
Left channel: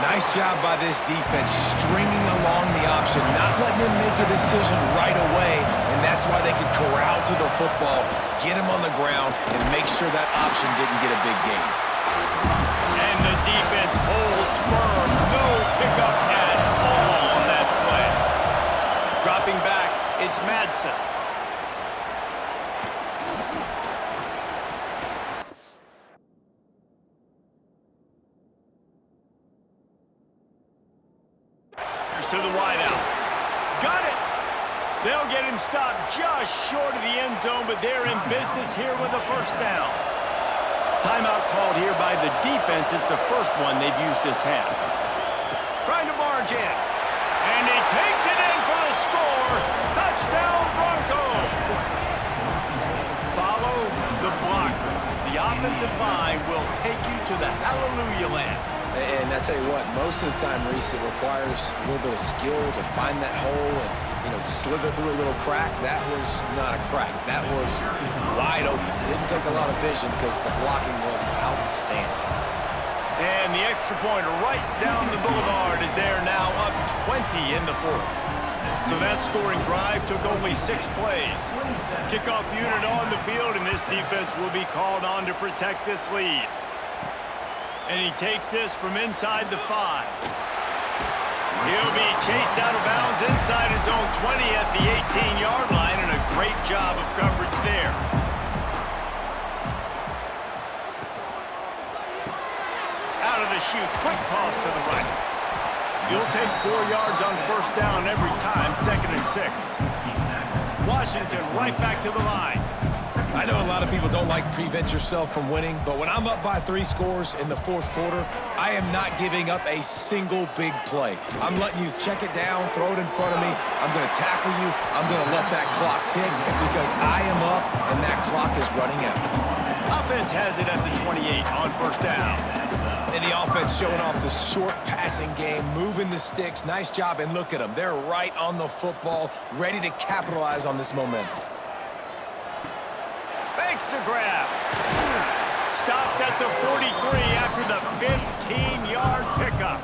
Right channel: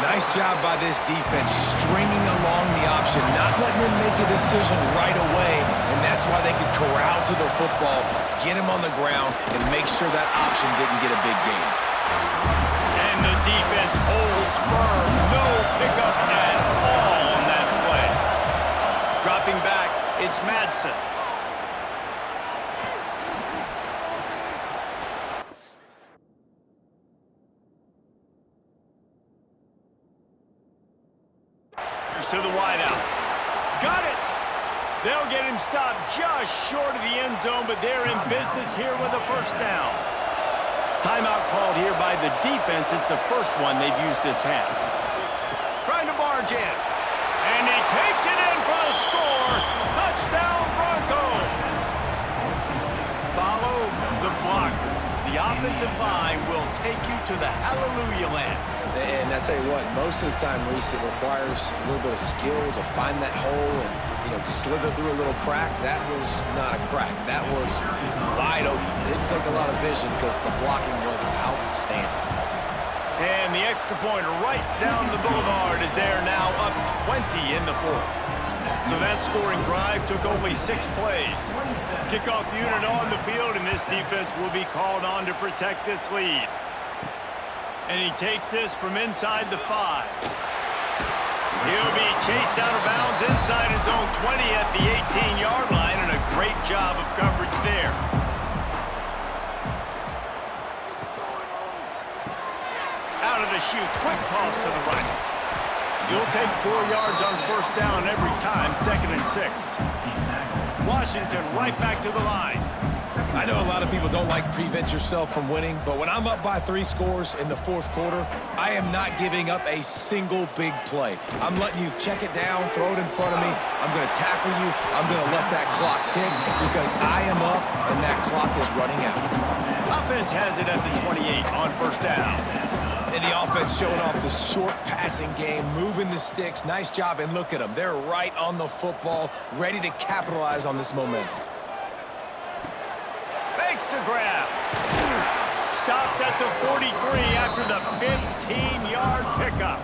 Nice job by this defense, stringing along the option, not letting him make a decision right away, and that's why they could corral to the football, get him on the ground, and make sure that option didn't get a big gain. And the defense holds firm. No pickup at all on that play. Dropping back, it's Madsen. To the wideout. Got it! They'll get him stopped just short of the end zone, but they're in business here with a 1st down. Timeout called here by the defense. It's the first one they've used this half. Trying to barge in. And he takes it in for the score. Touchdown, Broncos! Follow the blockers. The offensive line will take you to the hallelujah land. And I tell you what, most of the time, Reese, it requires a little bit of skill to find that hole and slither through a little crack. That was not a crack. That was wide open. Didn't take a lot of vision because the blocking was outstanding. And the extra point right down the boulevard is there now, up 20 in the fourth. So that scoring drive took only 6 plays. Kickoff unit on the field, and this defense will be called on to protect this lead. And he takes this from inside the 5. He'll be chased out of bounds inside his own 20 at the 18-yard line, and a great job of coverage there. Out of the chute, quick toss to the right. You'll take 4 yards on first down every time, 2nd and 6. Washington right back to the line. I know a lot of people don't like prevent yourself from winning, but when I'm up by 3 scores in the fourth quarter, I am not giving up a single big play. I'm letting you check it down, throw it in front of me. I'm going to tackle you. I'm going to let that clock tick because I am up and that clock is running out. Offense has it at the 28 on first down. And the offense showing off the short passing game, moving the sticks. Nice job, and look at them. They're right on the football, ready to capitalize on this momentum. Fakes to grab. Stopped at the 43 after the 15-yard pickup.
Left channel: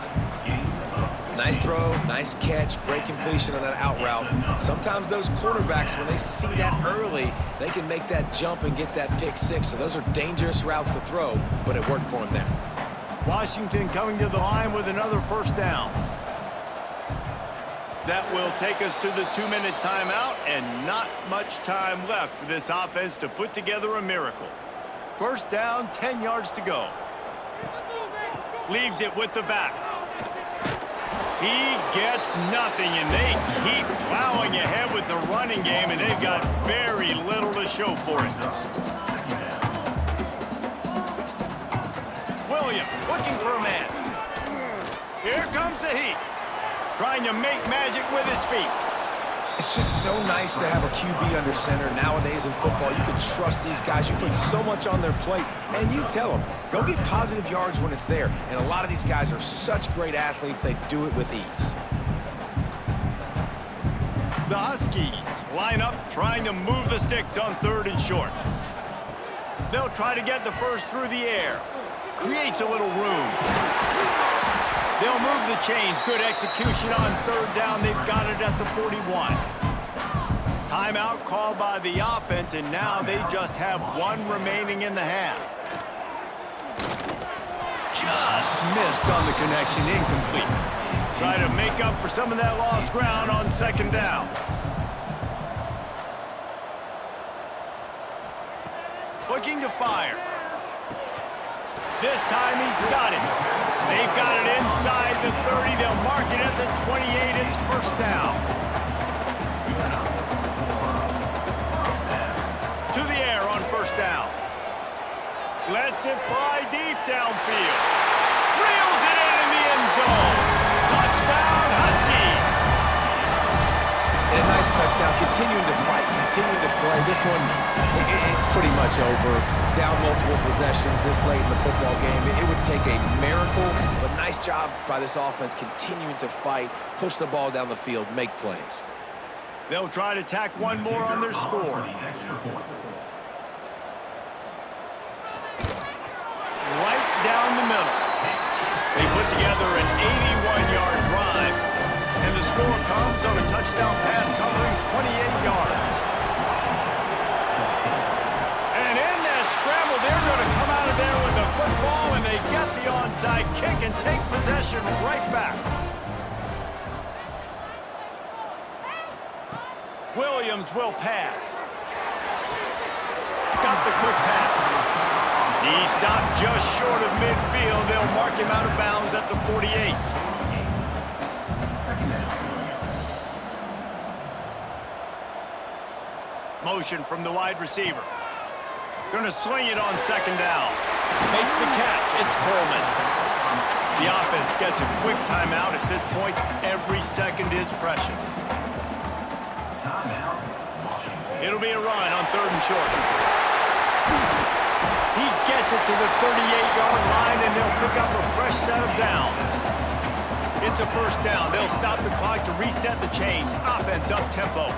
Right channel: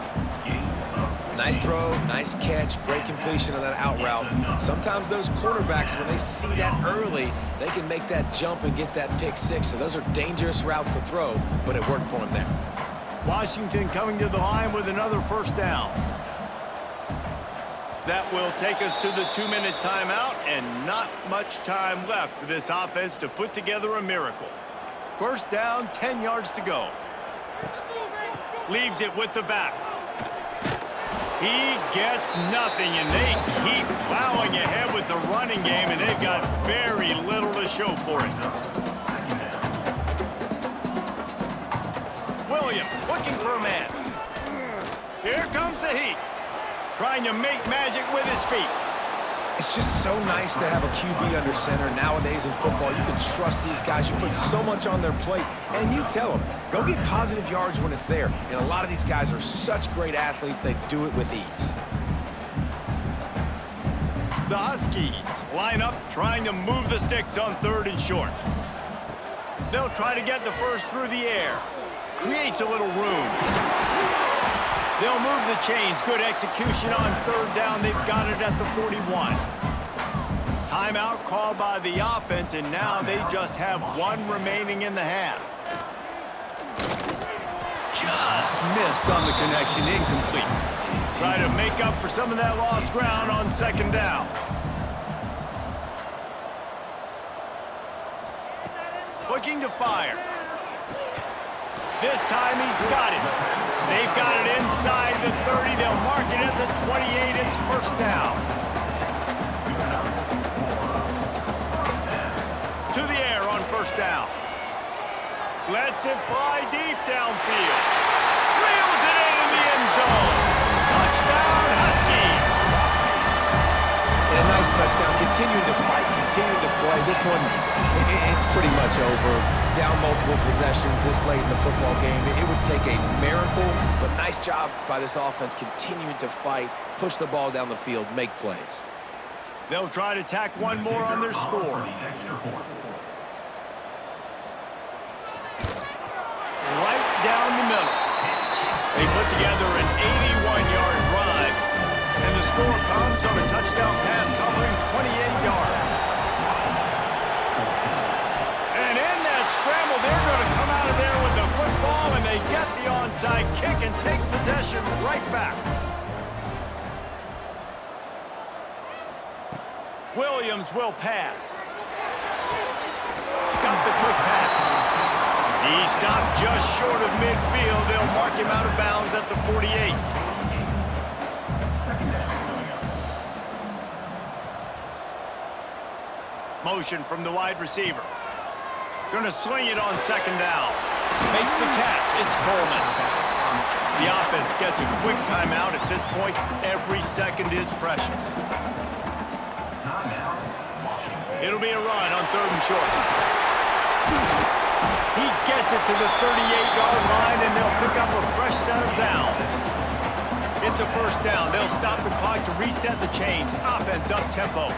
Nice throw, nice catch, great completion on that out route. Sometimes those cornerbacks, when they see that early, they can make that jump and get that pick 6. So those are dangerous routes to throw, but it worked for him there. Washington coming to the line with another first down. That will take us to the 2-minute timeout, and not much time left for this offense to put together a miracle. First down, 10 yards to go. Leaves it with the back. He gets nothing, and they keep plowing ahead with the running game, and they've got very little to show for it. Williams looking for a man. Here comes the heat. Trying to make magic with his feet. It's just so nice to have a QB under center. Nowadays in football, you can trust these guys. You put so much on their plate, and you tell them, go get positive yards when it's there. And a lot of these guys are such great athletes, they do it with ease. The Huskies line up trying to move the sticks on 3rd and short. They'll try to get the first through the air. Creates a little room. They'll move the chains. Good execution on 3rd down. They've got it at the 41. Timeout called by the offense, and now they just have 1 remaining in the half. Just missed on the connection. Incomplete. Try to make up for some of that lost ground on 2nd down. Looking to fire. This time he's got it. They've got it inside the 30. They'll mark it at the 28. It's first down. To the air on first down. Lets it fly deep downfield. Reels it in the end zone. Touchdown, Huskies. And a nice touchdown. Continuing to fight, continuing to play. This one, it's pretty much over. Down multiple possessions this late in the football game. It would take a miracle, but nice job by this offense continuing to fight, push the ball down the field, make plays. They'll try to tack 1 more on their score. Right down the middle. They put together an 81-yard drive, and the score comes on a touchdown pass covering 28 yards. And in that scramble, they're going to come out of there with the football, and they get the onside kick and take possession right back. Williams will pass. Got the quick pass. He stopped just short of midfield. They'll mark him out of bounds at the 48. Motion from the wide receiver. Gonna swing it on 2nd down. Makes the catch. It's Coleman. The offense gets a quick timeout at this point. Every second is precious. It'll be a run on 3rd and short. He gets it to the 38-yard line, and they'll pick up a fresh set of downs. It's a first down. They'll stop the clock to reset the chains. Offense up tempo.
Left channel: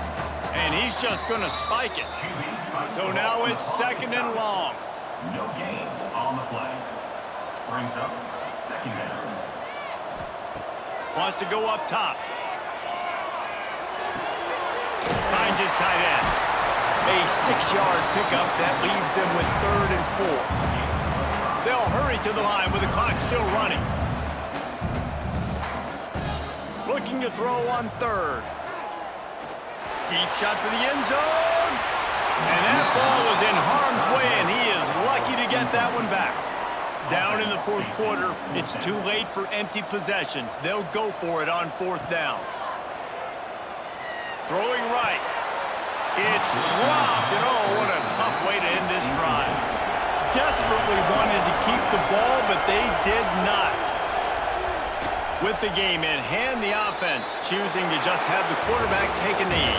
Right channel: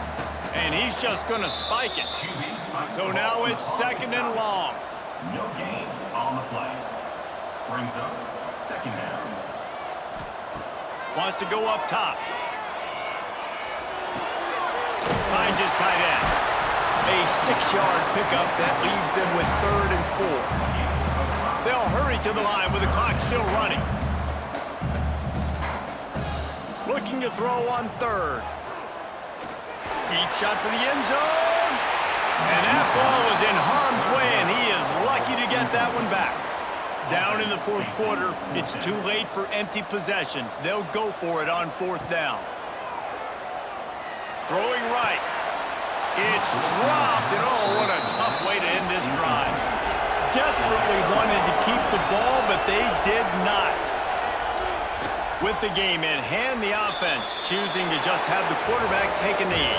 And he's just going to spike it. So now it's second and long. No gain on the play. Brings up second down. Wants to go up top. Finds his tight end. A 6-yard pickup that leaves them with 3rd and 4. They'll hurry to the line with the clock still running. Looking to throw on 3rd. Deep shot for the end zone. And that ball was in harm's way, and he is lucky to get that one back. Down in the 4th quarter, it's too late for empty possessions. They'll go for it on 4th down. Throwing right. It's dropped, and oh, what a tough way to end this drive. Desperately wanted to keep the ball, but they did not. With the game in hand, the offense choosing to just have the quarterback take a knee.